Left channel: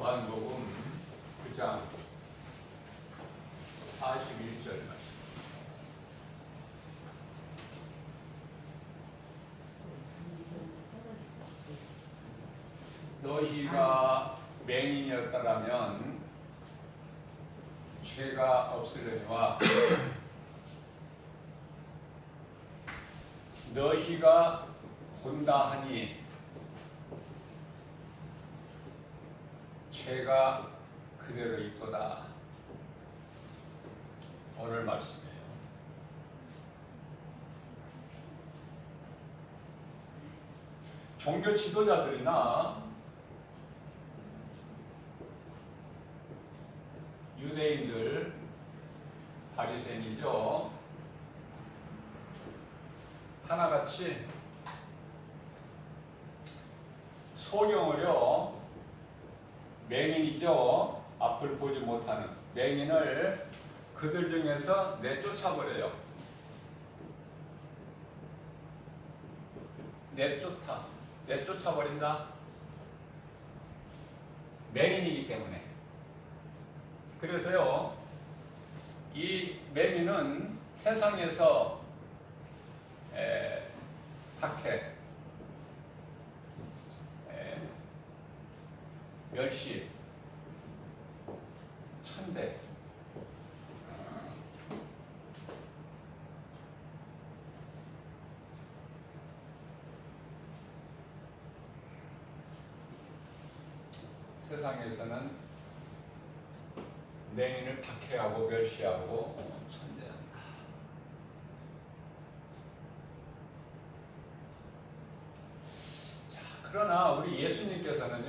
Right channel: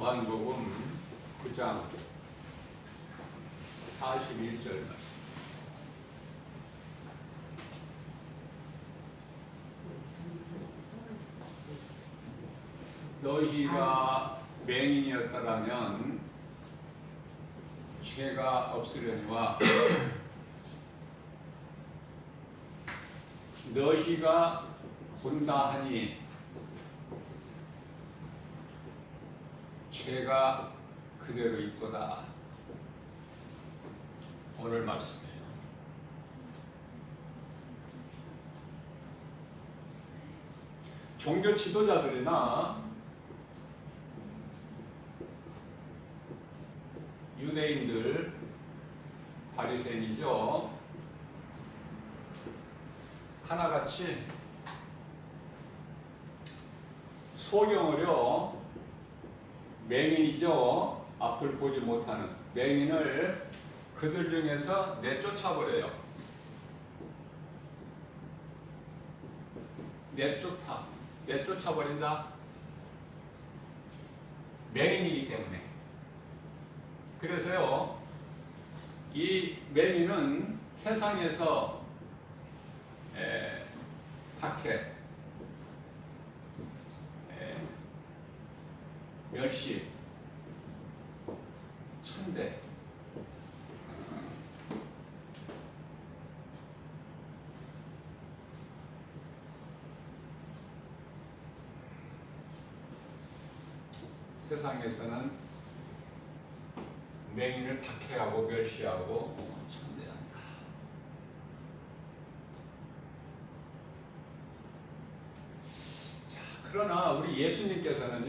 요한복음 9장 41절 말씀. 너희가 맹인이었다라면 죄가 없으려니와 너희가 본다 하니 죄가 그대로 있도다. 오늘 말씀이에요. 종교 지도자들이나 유대인들, 바리새인이죠. 하나같이 소경을요, 맹인이죠. 앞을 보지 못하는 맹인을 그들 중에서 내쫓아버려요. 내쫓아버린다. 맹인이기 때문에. 그래서요, 이 맹인은 세상에서 박해, 멸시, 천대, 세상에서는 맹인을 박해하고 멸시하고 천대한다. 자, 그러나 우리 예수님께서는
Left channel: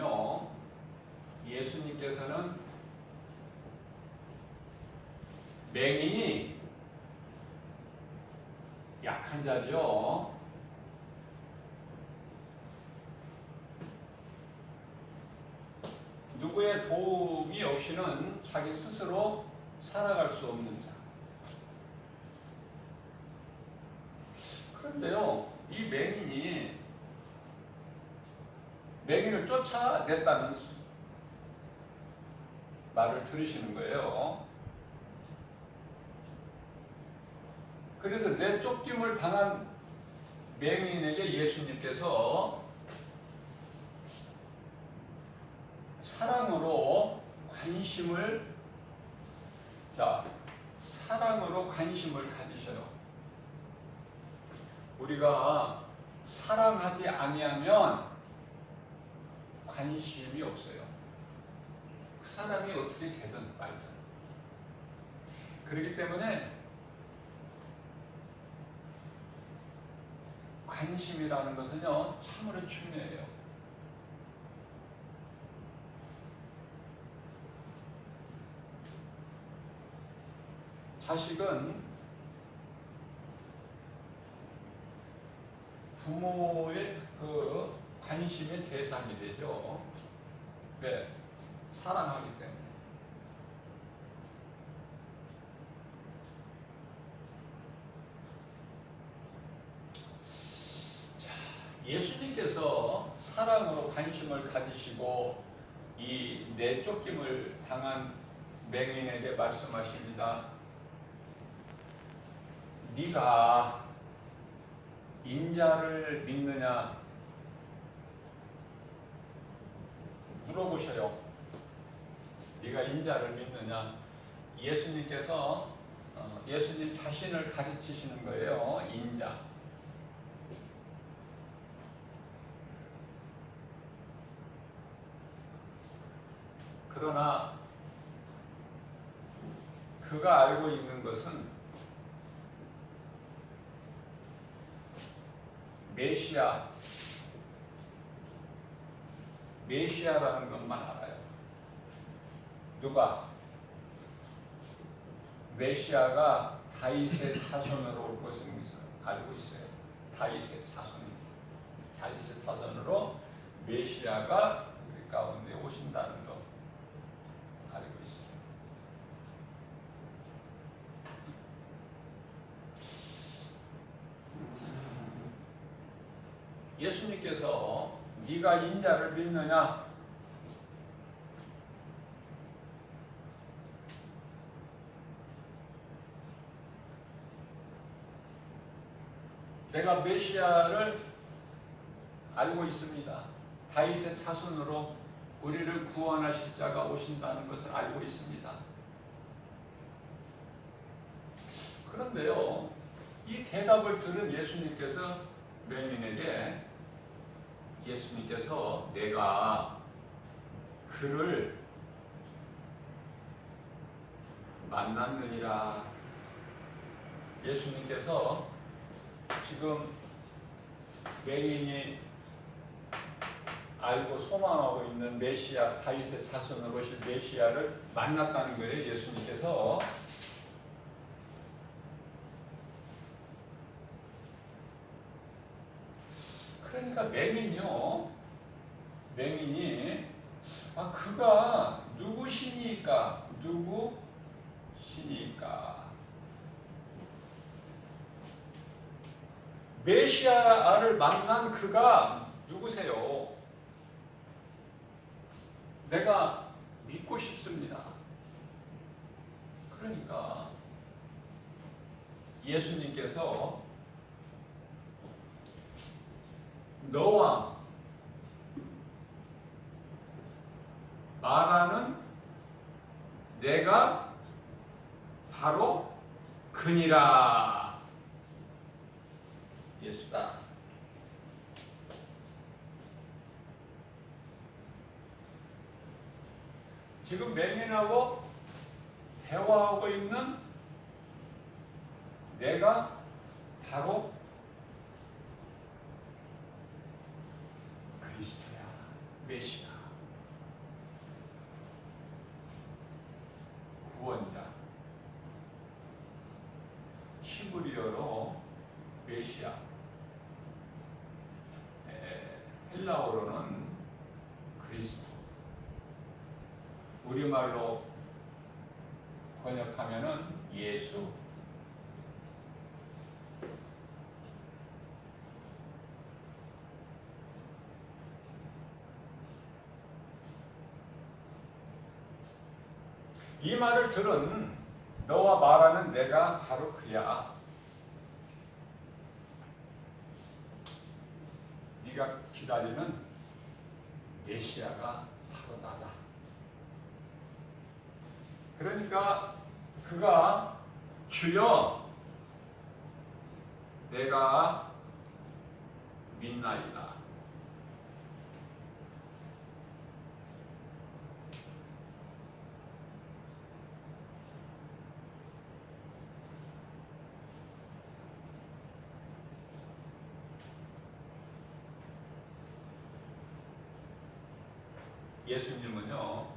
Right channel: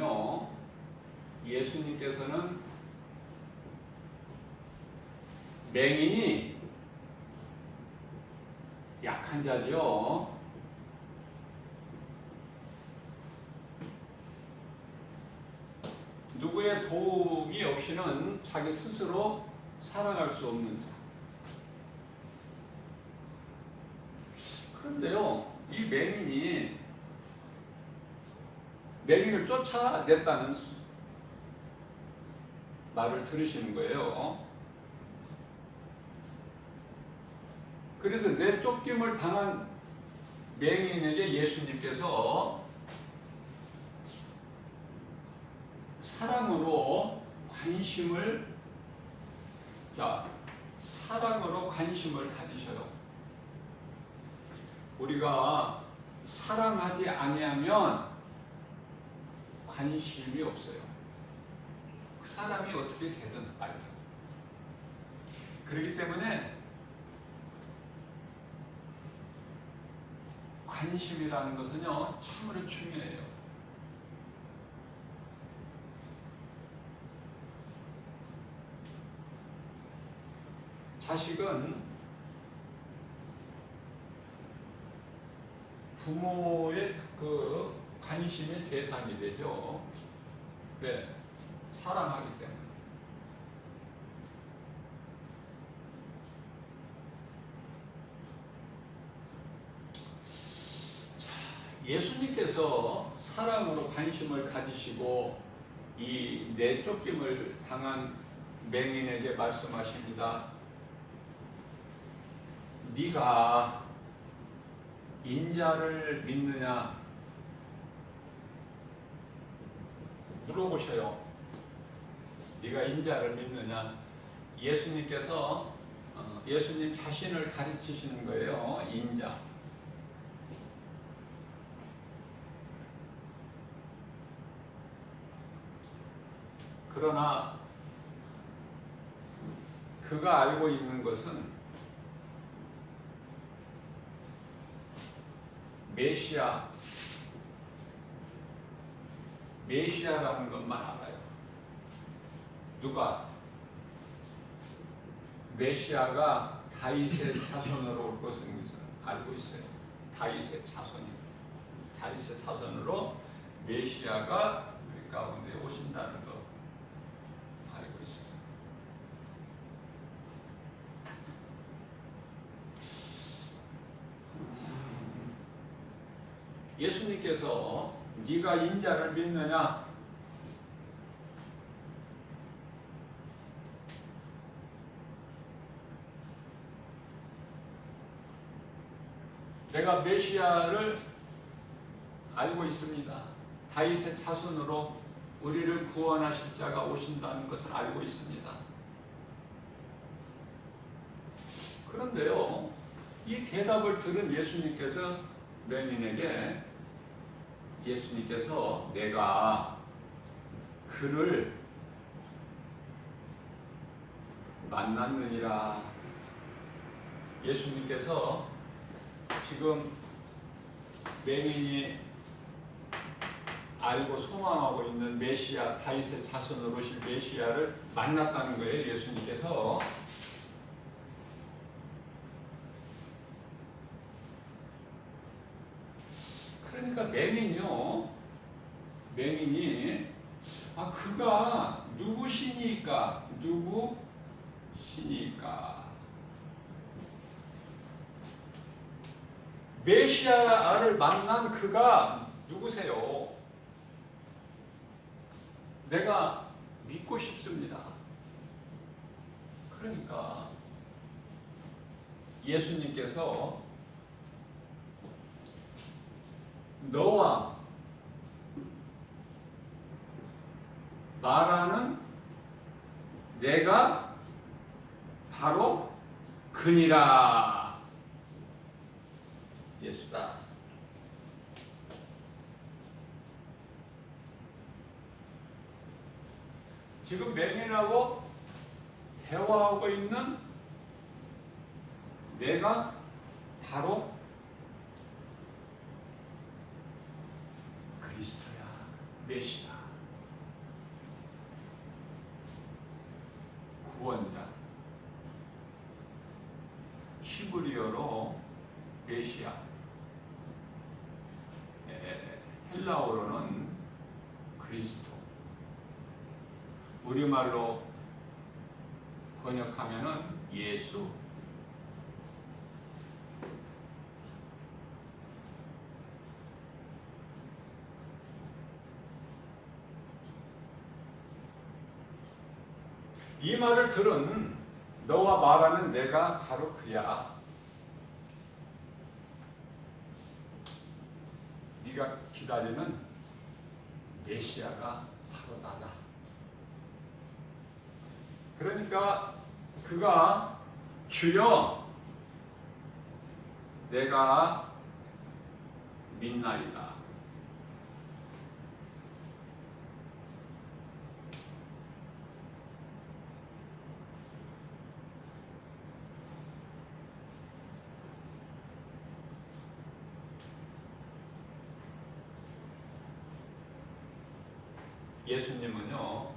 맹인이 약한 자죠. 누구의 도움이 없이는 자기 스스로 살아갈 수 없는 자. 그런데요, 이 맹인을 쫓아냈다는 말을 들으시는 거예요. 그래서 내쫓김을 당한 맹인에게 예수님께서 사랑으로 관심을 가지셔요. 우리가 사랑하지 아니하면 관심이 없어요. 그 사람이 어떻게 되든 말든. 그렇기 때문에 관심이라는 것은요, 참으로 중요해요. 자식은 부모의 그 관심의 대상이 되죠. 왜? 사랑하기 때문에. 예수님께서 사랑으로 관심을 가지시고 이 내쫓김을 당한 맹인에게 말씀하십니다. 네가 인자를 믿느냐 물어보셔요. 네가 인자를 믿느냐. 예수님께서 예수님 자신을 가르치시는 거예요. 인자. 그러나 그가 알고 있는 것은 메시아라는 것만 알아요. 누가? 메시아가 다윗의 자손으로 올 것을 알고 있어요. 다윗의 자손으로 메시아가 우리 가운데 오신다는 것 알고 있어요. 예수님께서 네가 인자를 믿느냐? 내가 메시아를 알고 있습니다. 다윗의 자손으로 우리를 구원하실 자가 오신다는 것을 알고 있습니다. 그런데요, 이 대답을 들은 예수님께서 맹인에게 예수님께서 내가 그를 만났느니라. 예수님께서 지금 맹인이 알고 소망하고 있는 메시아, 다윗의 자손으로 오실 메시아를 만났다는 거예요. 예수님께서. 그러니까 맹인이 그가 누구시니까? 메시아를 만난 그가 누구세요? 내가 믿고 싶습니다. 그러니까 예수님께서 너와 말하는 내가 바로 그니라. 예수다. 지금 맹인하고 대화하고 있는 내가 바로 그리스도야. 메시아. 구원자. 히브리어로 메시아. 헬라어로는 그리스도. 우리말로 번역하면은 예수. 이 말을 들은 너와 말하는 내가 바로 그야. 네가 기다리는 메시아가 바로 나다. 그러니까 그가 주여 내가 믿나이다. 예수님은요,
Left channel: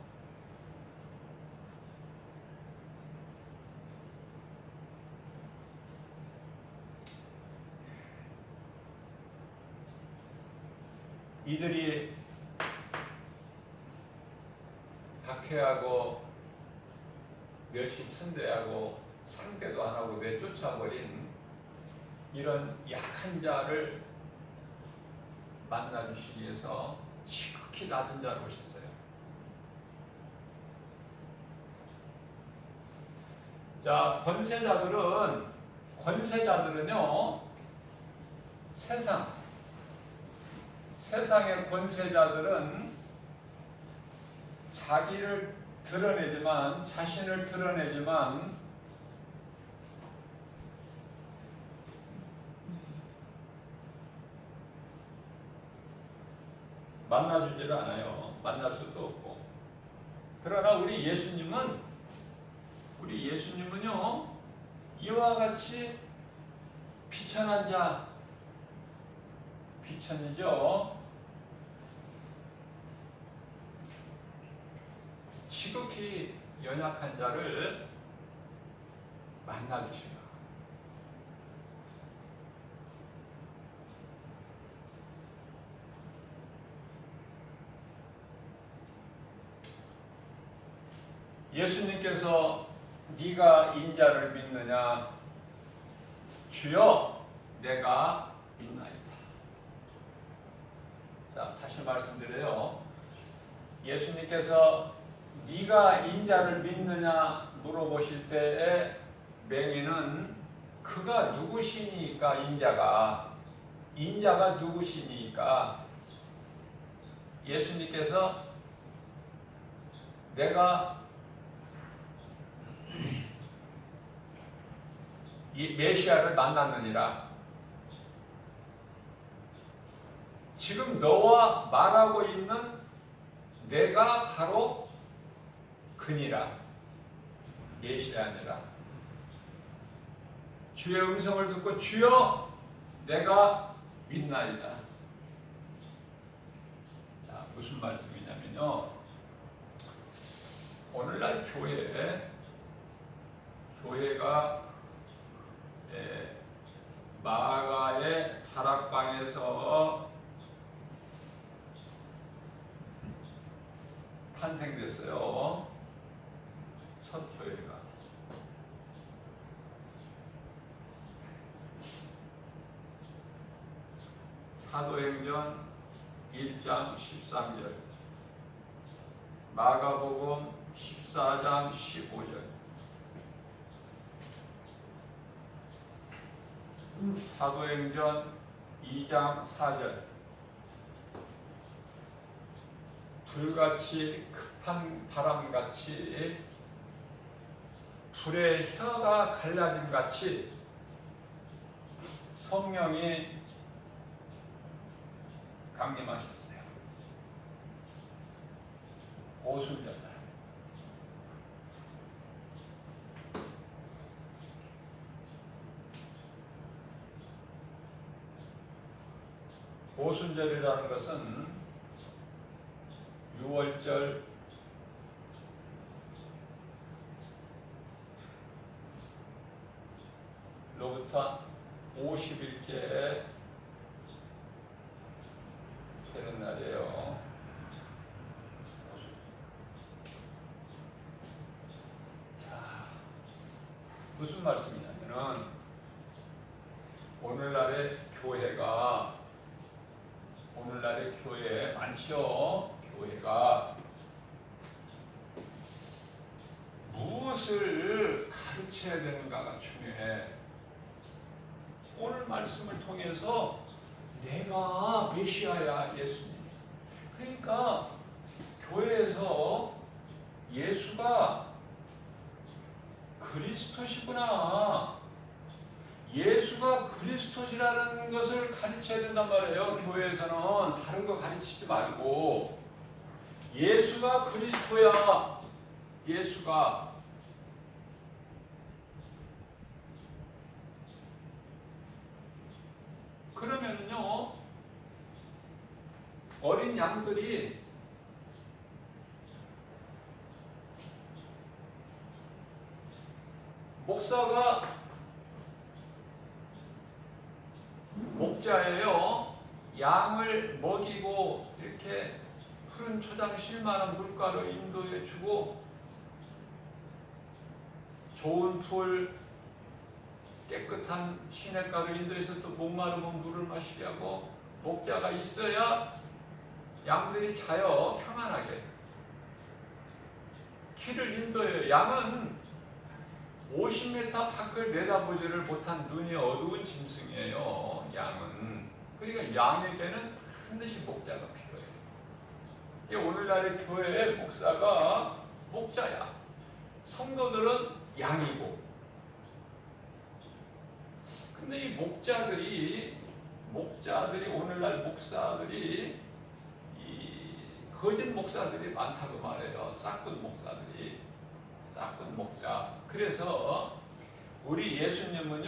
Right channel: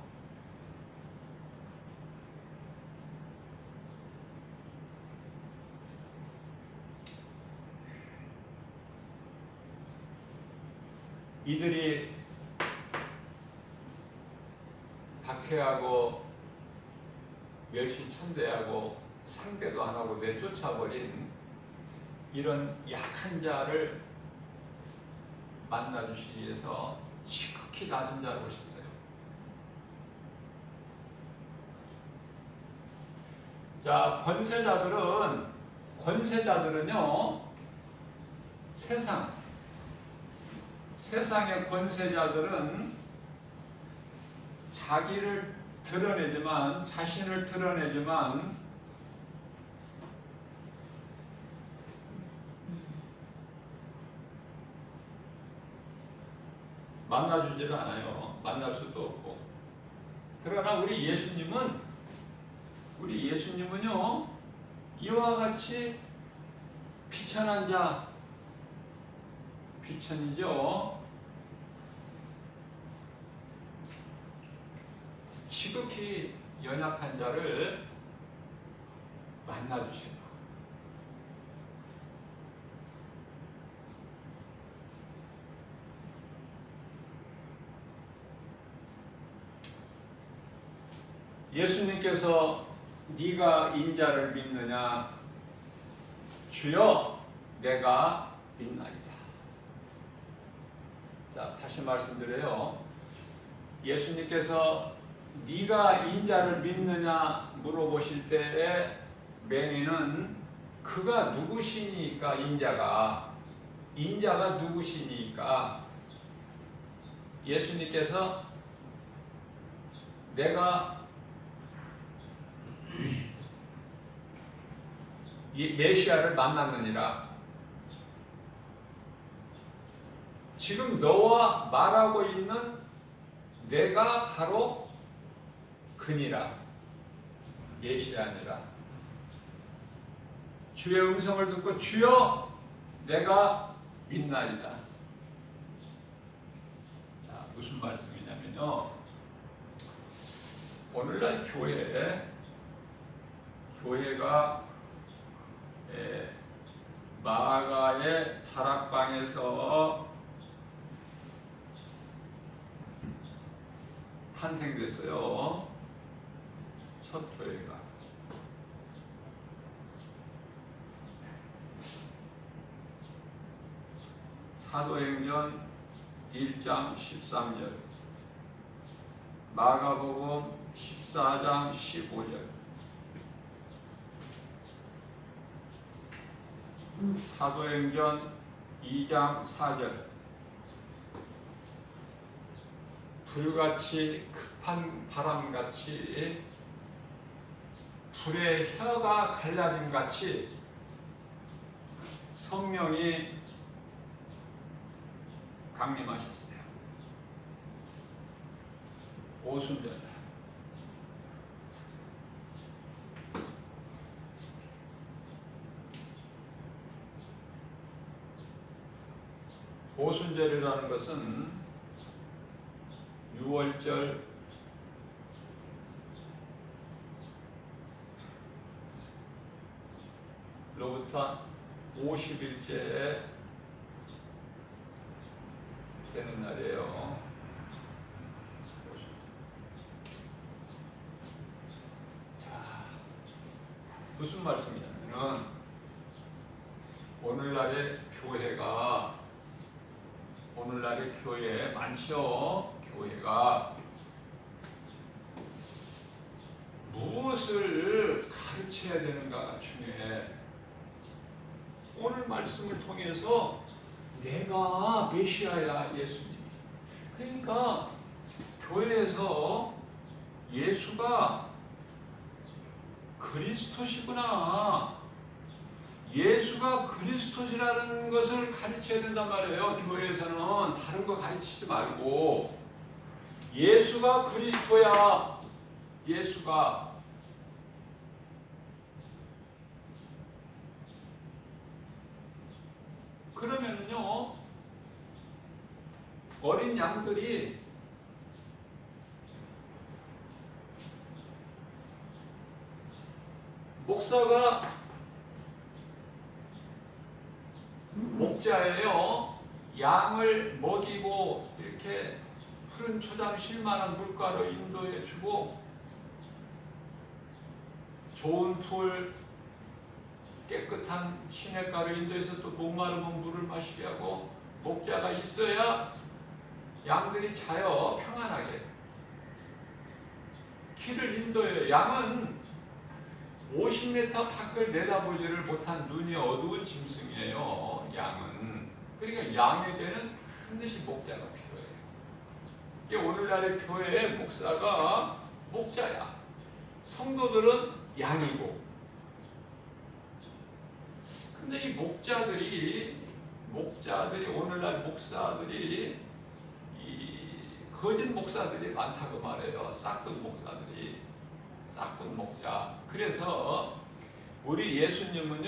이들이 박해하고 멸시천대하고 상대도 안 하고 내쫓아버린 이런 약한 자를 만나주시기 위해서 지극히 낮은 자로 오셨어요. 자, 권세자들은요, 세상의 권세자들은 자신을 드러내지만 만나주지를 않아요. 만날 수도 없고. 그러나 우리 예수님은요, 이와 같이 비천한 자, 비천이죠. 지극히 연약한 자를 만나주시라. 예수님께서 네가 인자를 믿느냐? 주여 내가 믿나이다. 자, 다시 말씀드려요. 예수님께서 네가 인자를 믿느냐 물어보실 때에 맹인은 그가 누구시니까 인자가 인자가 누구시니까 예수님께서 내가 이 메시아를 만났느니라. 지금 너와 말하고 있는 내가 바로 그니라. 메시아니라. 주의 음성을 듣고 주여 내가 믿나이다. 자, 무슨 말씀이냐면요. 오늘날 교회가 마가의 다락방에서 탄생됐어요. 첫 교회가. 사도행전 1장 13절, 마가복음 14장 15절, 사도행전 2장 4절. 불같이 급한 바람같이 불의 혀가 갈라짐같이 성령이 강림하셨어요. 오순절. 오순절이라는 것은 6월절 로부터 50일째 되는 날이에요. 자, 무슨 말씀이냐면은 오늘날의 교회 많죠. 교회가 무엇을 가르쳐야 되는가가 중요해. 오늘 말씀을 통해서 내가 메시아야, 예수님. 그러니까 교회에서 예수가 그리스도시구나, 예수가 그리스도시라는 것을 가르쳐야 된단 말이에요. 교회에서는 다른 거 가르치지 말고 예수가 그리스도야. 예수가. 그러면요, 어린 양들이 목사가 목자예요. 양을 먹이고 이렇게 푸른 초당 쉴만한 물가로 인도해 주고 좋은 풀, 깨끗한 시냇가로 인도해서 또 목마르면 물을 마시게 하고 목자가 있어야 양들이 자요. 평안하게. 길을 인도해요. 양은 50m 밖을 내다보지를 못한 눈이 어두운 짐승이에요. 양은. 그러니까 양에게는 반드시 목자가 필요해요. 이게 오늘날의 교회의 목사가 목자야. 성도들은 양이고. 근데 이 목자들이 오늘날 목사들이 이 거짓 목사들이 많다고 말해요. 싹돈 목사들이. 싹돈 목자. 그래서 우리 예수님은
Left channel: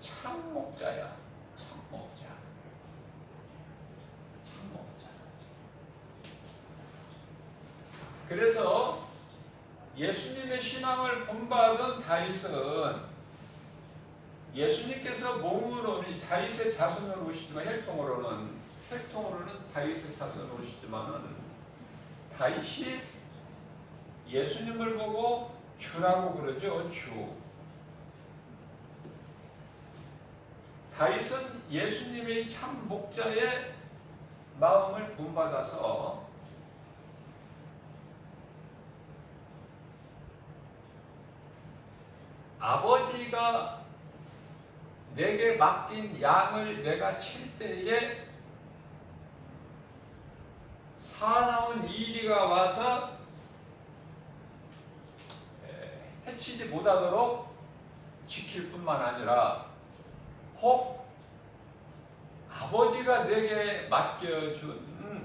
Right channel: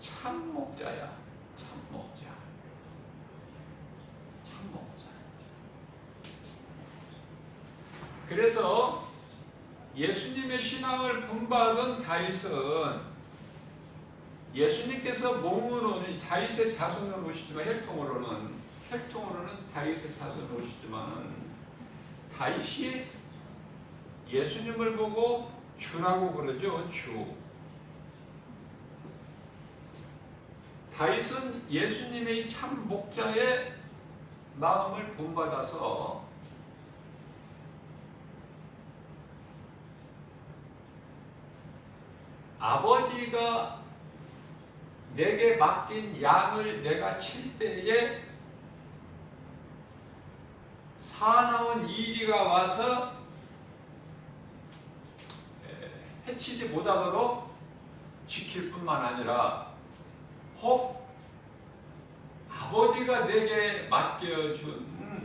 참 목자야. 참 목자. 참 목자. 그래서 예수님의 신앙을 본받은 다윗은 예수님께서 몸으로는 다윗의 자손으로 오시지만 혈통으로는 다윗의 자손으로 오시지만은 다윗이 예수님을 보고 주라고 그러죠. 주. 다윗은 예수님의 참 목자의 마음을 본받아서 아버지가 내게 맡긴 양을 내가 칠 때에 사나운 이리가 와서 해치지 못하도록 지킬 뿐만 아니라 혹 아버지가 내게 맡겨주신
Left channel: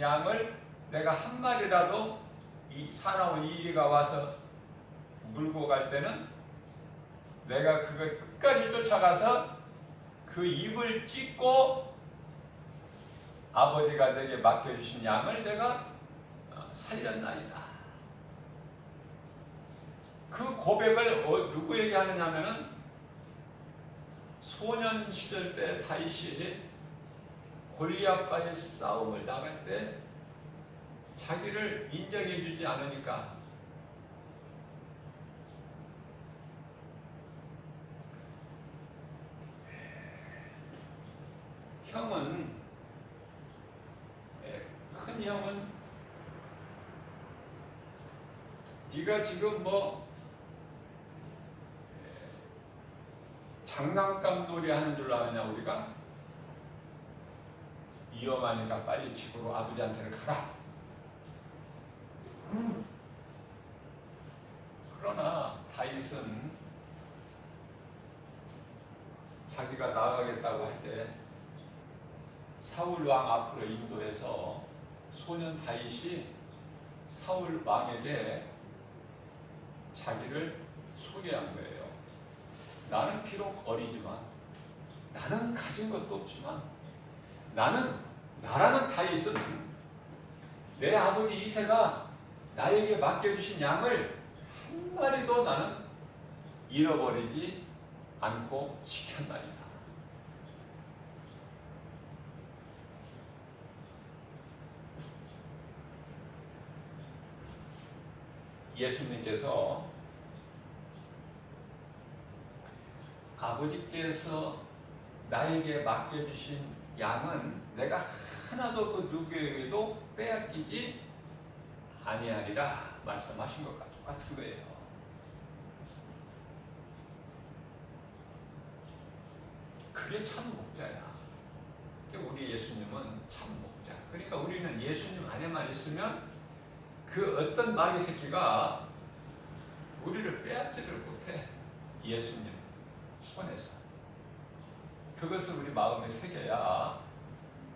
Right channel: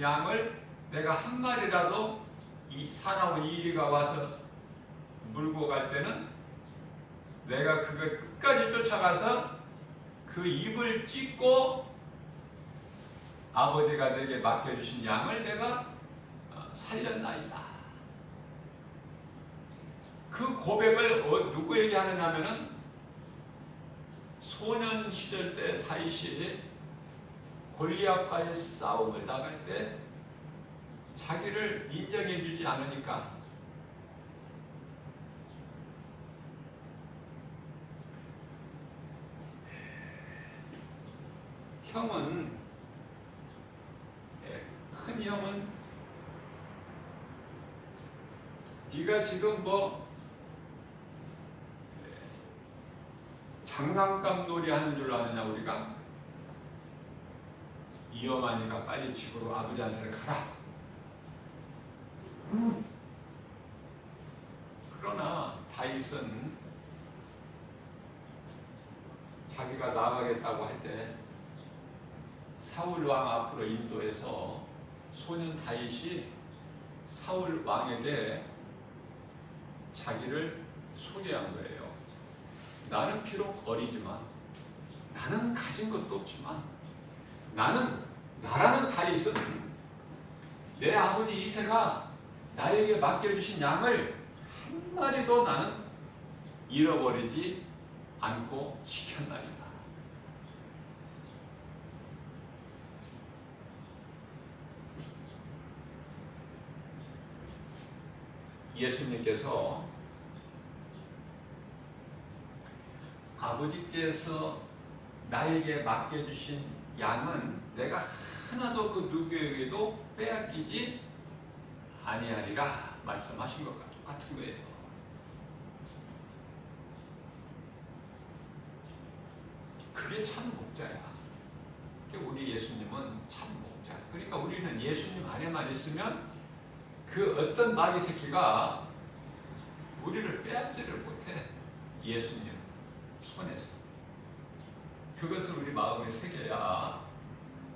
양을 내가 한 마리라도 이 사나운 이리가 와서 물고 갈 때는 내가 그걸 끝까지 쫓아가서 그 입을 찢고 아버지가 내게 맡겨주신 양을 내가 살렸나이다. 그 고백을 누구에게 하느냐면은 소년 시절 때 다윗이 골리앗과의 싸움을 나갈 때 자기를 인정해 주지 않으니까 큰 형은 네가 지금 뭐 장난감 놀이 하는 줄 아느냐 우리가? 위험하니까 빨리 집으로 아버지한테 가라. 그러나 다윗은 자기가 나가겠다고 할 때 사울 왕 앞으로 인도해서 소년 다윗이 사울 왕에게 자기를 소개한 거예요. 나는 비록 어리지만, 나는 가진 것도 없지만, 나라는 다윗은 내 아버지 이새가 나에게 맡겨주신 양을 한 마리도 나는 잃어버리지 않고 지켰나이다. 예수님께서 아버지께서 나에게 맡겨주신 양은 내가 하나도 그 누구에게도 빼앗기지 아니하리라 말씀하신 것과 똑같은 거예요. 그게 참 목자야. 우리 예수님은 참 목자. 그러니까 우리는 예수님 안에만 있으면 그 어떤 마귀 새끼가 우리를 빼앗지를 못해. 예수님 손에서. 그것을 우리 마음에 새겨야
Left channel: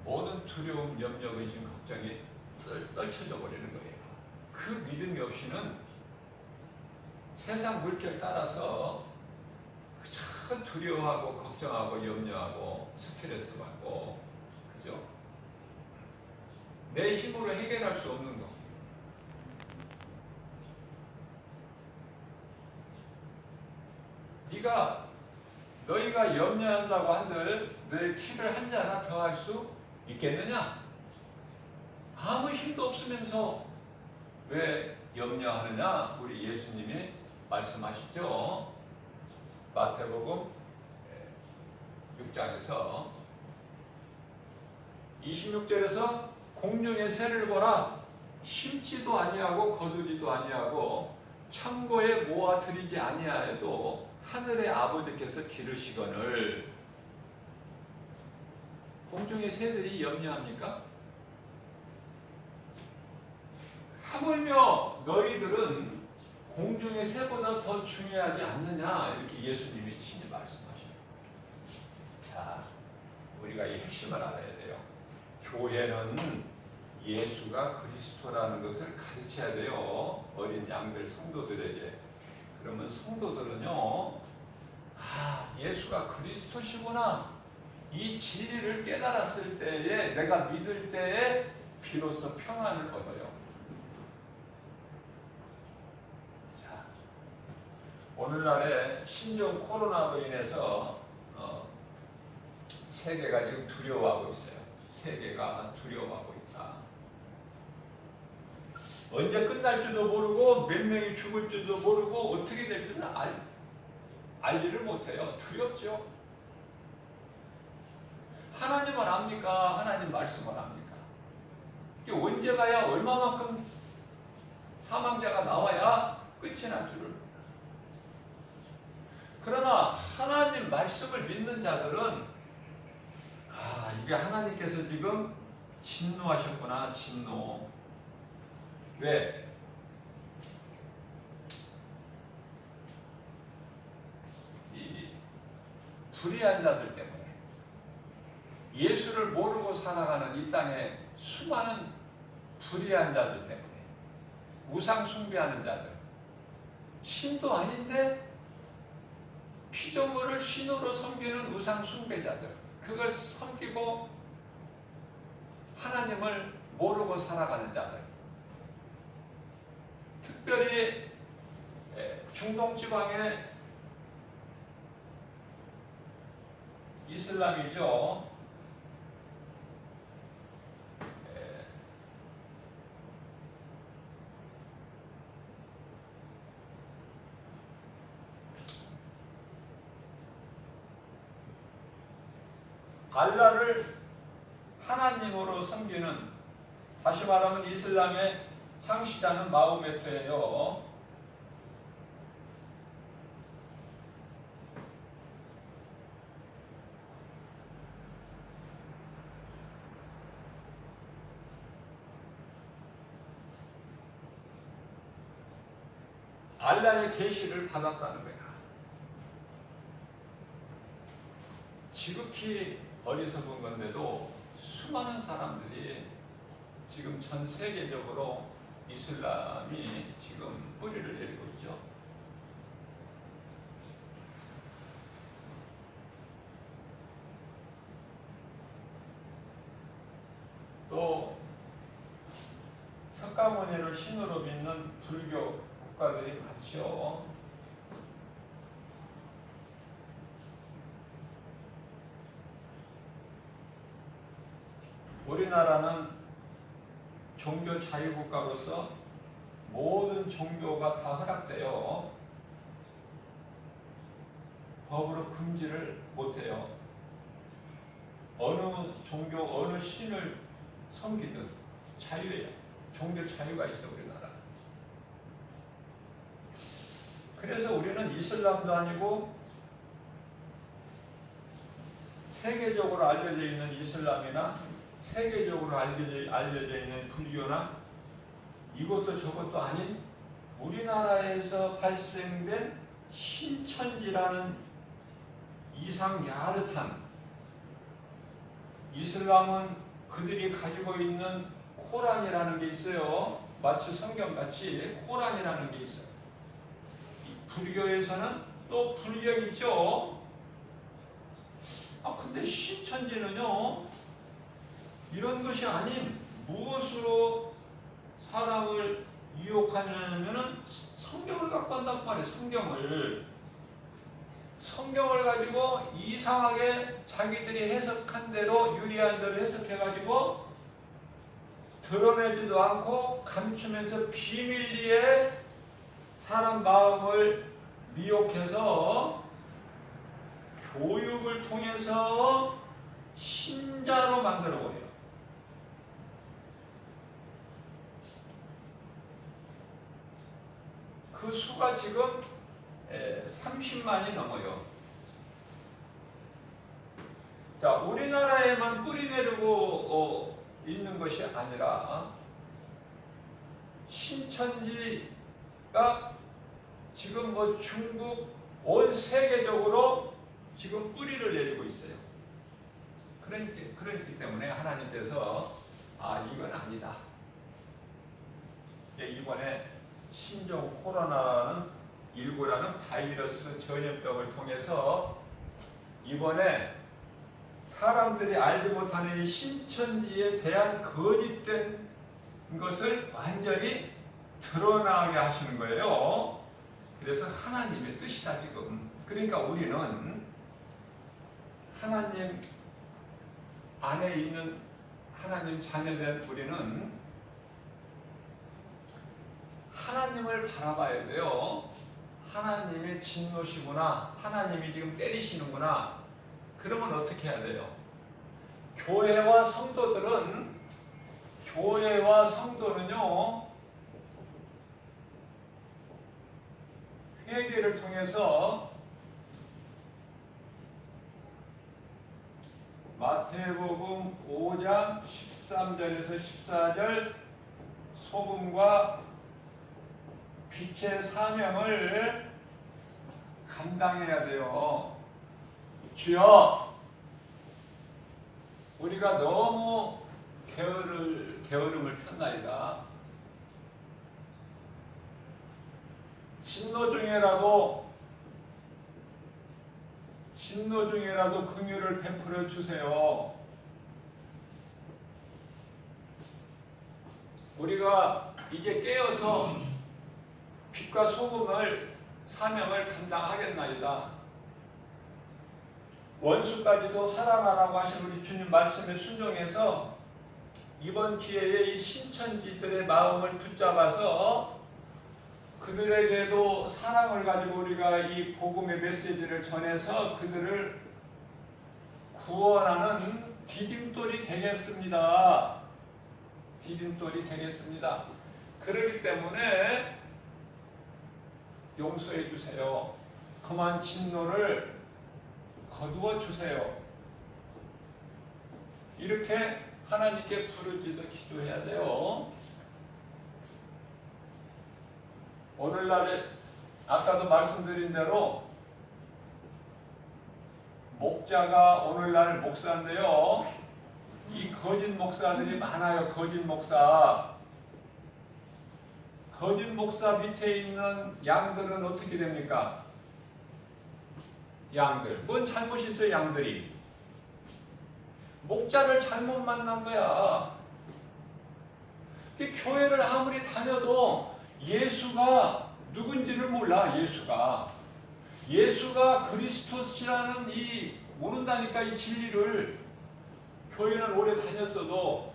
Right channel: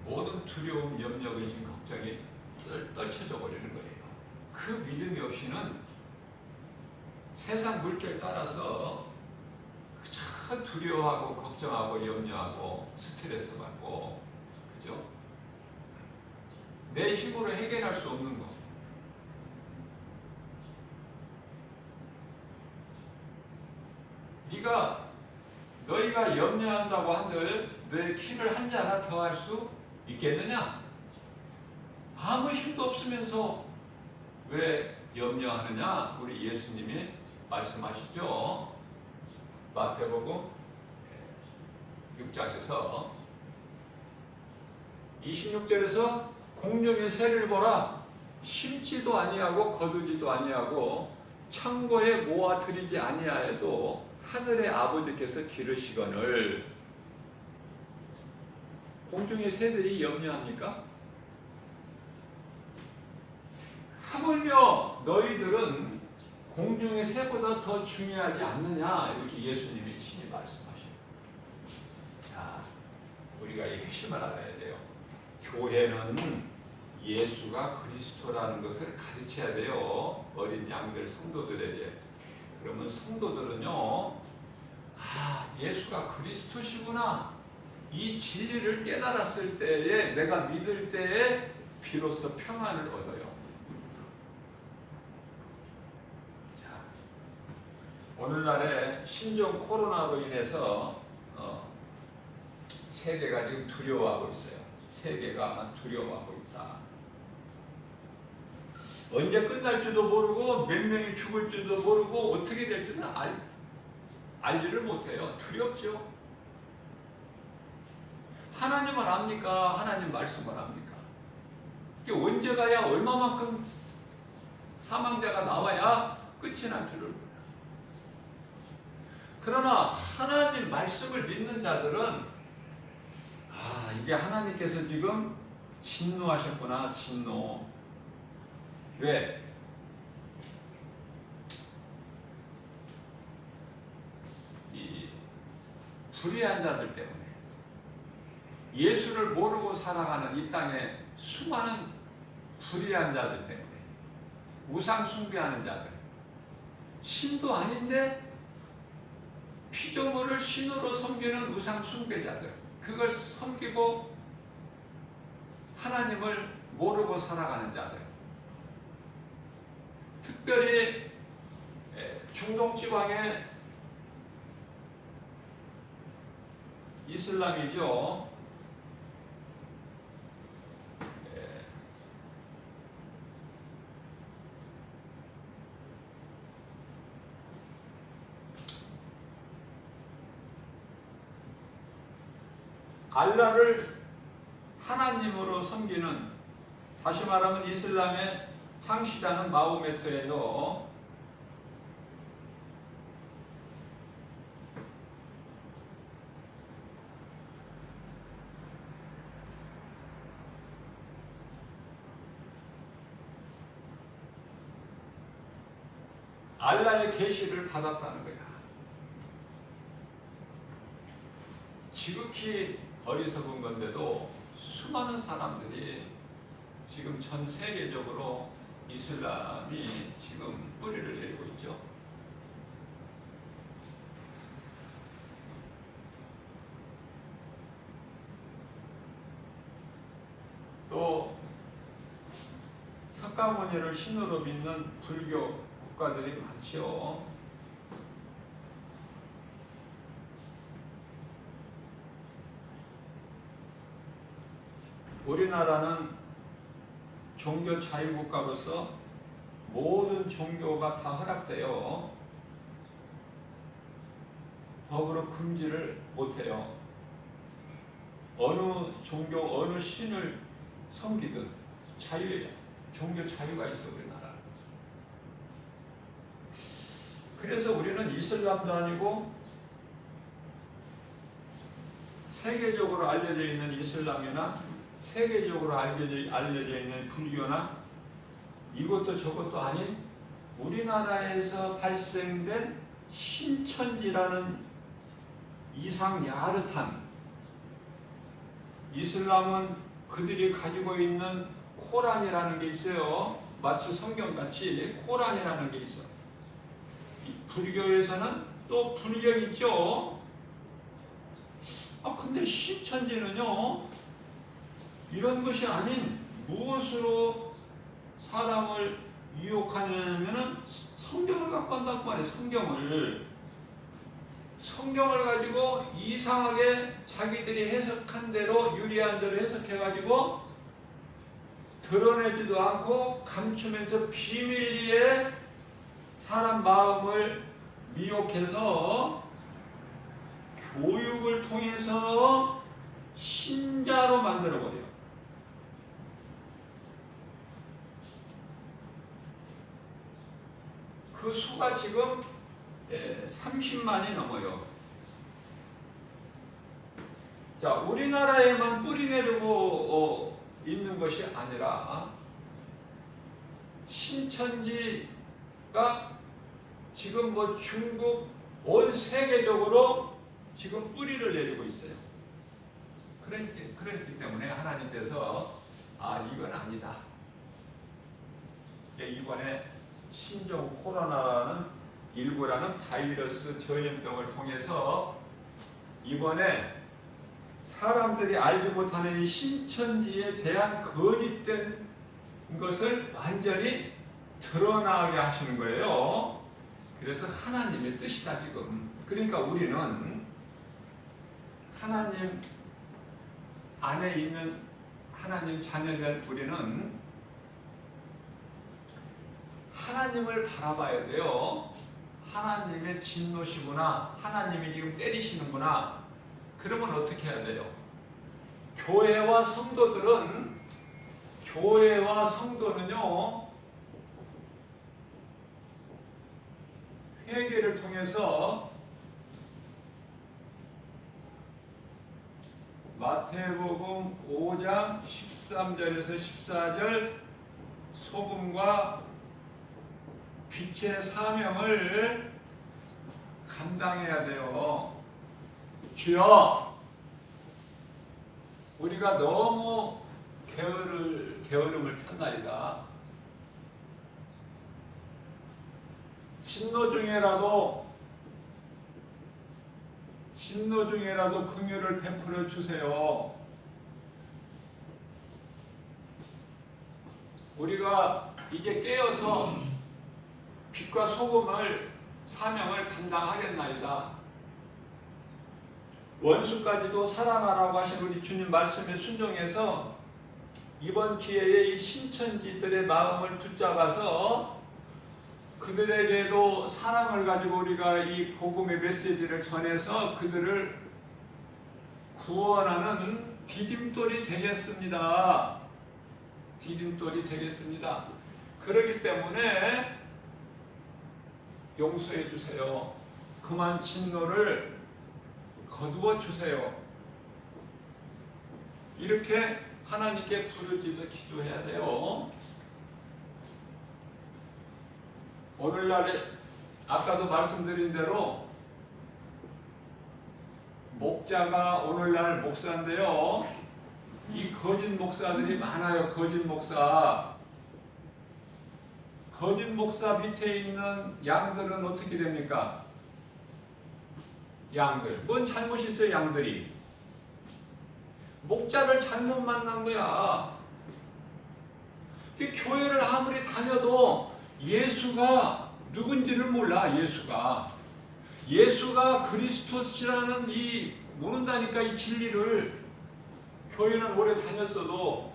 모든 두려움, 염려, 의심, 걱정이 떨쳐져 버리는 거예요. 그 믿음이 없이는 세상 물결 따라서 참 두려워하고 걱정하고 염려하고 스트레스 받고, 그죠? 내 힘으로 해결할 수 없는 거. 너희가 염려한다고 한들 너의 키를 한 자나 더 할 수 있겠느냐? 아무 힘도 없으면서 왜 염려하느냐? 우리 예수님이 말씀하시죠. 마태복음 6장에서 26절에서 공중의 새를 보라. 심지도 아니하고 거두지도 아니하고 창고에 모아 들이지 아니하여도 하늘의 아버지께서 기르시거늘. 공중의 새들이 염려합니까? 하물며 너희들은 공중의 새보다 더 중요하지 않느냐, 이렇게 예수님이 친히 말씀하십니다. 자, 우리가 이 핵심을 알아야 돼요. 교회는 예수가 그리스도라는 것을 가르쳐야 돼요. 어린 양들 성도들에게. 그러면 성도들은요, 예수가 그리스도시구나, 이 진리를 깨달았을 때에, 내가 믿을 때에 비로소 평안을 얻어요. 자, 오늘날에 신종 코로나로 인해서 세계가 지금 두려워하고 있어요. 세계가 두려워하고 있다. 언제 끝날 줄도 모르고 몇 명이 죽을 줄도 모르고 어떻게 될 줄은 알지를 못해요. 두렵죠. 하나님은 압니까? 하나님 말씀을 압니까? 이게 언제 가야 얼마만큼 사망자가 나와야 끝이 날 줄을. 그러나 하나님 말씀을 믿는 자들은 이게 하나님께서 지금 진노하셨구나. 진노. 왜? 이 불의한 자들 때문에, 예수를 모르고 살아가는 이 땅에 수많은 불의한 자들 때문에, 우상 숭배하는 자들, 신도 아닌데 피조물을 신으로 섬기는 우상 숭배자들, 그걸 섬기고 하나님을 모르고 살아가는 자들, 특별히 중동 지방의 이슬람이죠. 알라를 하나님으로 섬기는, 다시 말하면 이슬람의 창시자는 마호메트예요. 알라의 계시를 받았다는 거야. 지극히 어리석은 건데도 수많은 사람들이 지금 전 세계적으로 이슬람이 지금 뿌리를 내리고 있죠. 또 석가모니를 신으로 믿는 불교 국가들이 많죠. 우리나라는 종교 자유국가로서 모든 종교가 다 허락돼요. 법으로 금지를 못해요. 어느 종교, 어느 신을 섬기든 자유예요. 종교 자유가 있어, 우리나라. 그래서 우리는 이슬람도 아니고 세계적으로 알려져 있는 이슬람이나 세계적으로 알려져 있는 불교나 이것도 저것도 아닌 우리나라에서 발생된 신천지라는 이상 야릇한, 이슬람은 그들이 가지고 있는 코란이라는 게 있어요. 마치 성경같이 코란이라는 게 있어. 불교에서는 또 불경 있죠. 근데 신천지는요, 이런 것이 아닌 무엇으로 사람을 유혹하냐면은 성경을 갖고 한단 말이에요. 성경을 가지고 이상하게 자기들이 해석한 대로, 유리한 대로 해석해가지고 드러내지도 않고 감추면서 비밀리에 사람 마음을 미혹해서 교육을 통해서 신자로 만들어버려요. 그 수가 지금 30만이 넘어요. 자, 우리나라에만 뿌리 내리고 있는 것이 아니라 신천지가 지금 중국 온 세계적으로 지금 뿌리를 내리고 있어요. 그렇기 때문에 하나님께서 이건 아니다. 이번에 신종 코로나라는 19라는 바이러스 전염병을 통해서 이번에 사람들이 알지 못하는 이 신천지에 대한 거짓된 것을 완전히 드러나게 하시는 거예요. 그래서 하나님의 뜻이다 지금. 그러니까 우리는 하나님 안에 있는 하나님 자녀된 우리는 하나님을 바라봐야 돼요. 하나님의 진노시구나. 하나님이 지금 때리시는구나. 그러면 어떻게 해야 돼요? 교회와 성도는요, 회개를 통해서 마태복음 5장 13절에서 14절 소금과 빛의 사명을 감당해야 돼요. 주여, 우리가 너무 게으름을 폈나이다. 진노 중에라도 긍휼을 베풀어 주세요. 우리가 이제 깨어서 빛과 소금을 사명을 감당하겠나이다. 원수까지도 사랑하라고 하신 우리 주님 말씀에 순종해서 이번 기회에 이 신천지들의 마음을 붙잡아서 그들에게도 사랑을 가지고 우리가 이 복음의 메시지를 전해서 그들을 구원하는 디딤돌이 되겠습니다. 디딤돌이 되겠습니다. 그렇기 때문에 용서해 주세요. 그만 진노를 거두어 주세요. 이렇게 하나님께 부르짖어 기도해야 돼요. 오늘날에 아까도 말씀드린 대로 목자가 오늘날 목사인데요. 이 거짓 목사들이 많아요. 거짓 목사 밑에 있는 양들은 어떻게 됩니까? 양들. 뭔 잘못이 있어요, 양들이? 목자를 잘못 만난 거야. 교회를 아무리 다녀도 예수가 누군지를 몰라. 예수가 그리스도시라는 모른다니까. 이 진리를. 교회는 오래 다녔어도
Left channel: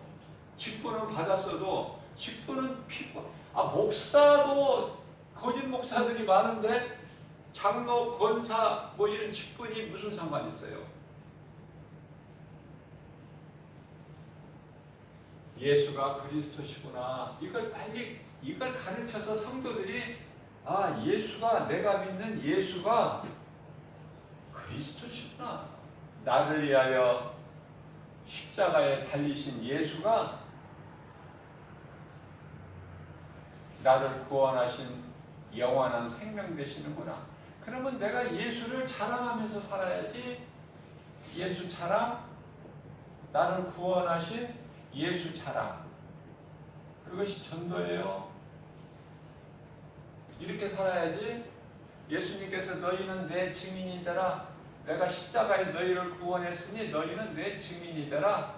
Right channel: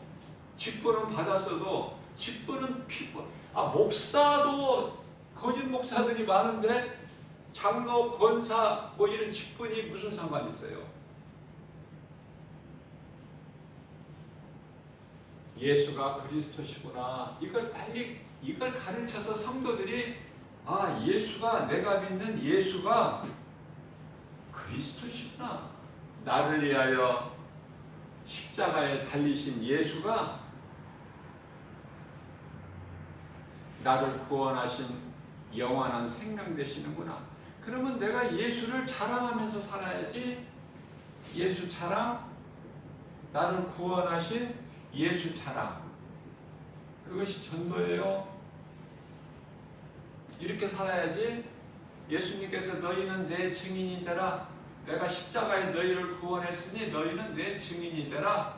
직분은 받았어도 직분은 목사도 거짓 목사들이 많은데 장로, 권사 이런 직분이 무슨 상관이 있어요? 예수가 그리스도시구나. 이걸 가르쳐서 성도들이 예수가, 내가 믿는 예수가 그리스도시구나. 나를 위하여 십자가에 달리신 예수가 나를 구원하신 영원한 생명 되시는구나. 그러면 내가 예수를 자랑하면서 살아야지. 예수 자랑, 나를 구원하신 예수 자랑. 그것이 전도예요. 이렇게 살아야지. 예수님께서 너희는 내 증인이 되라. 내가 십자가에 너희를 구원했으니 너희는 내 증인이 되라.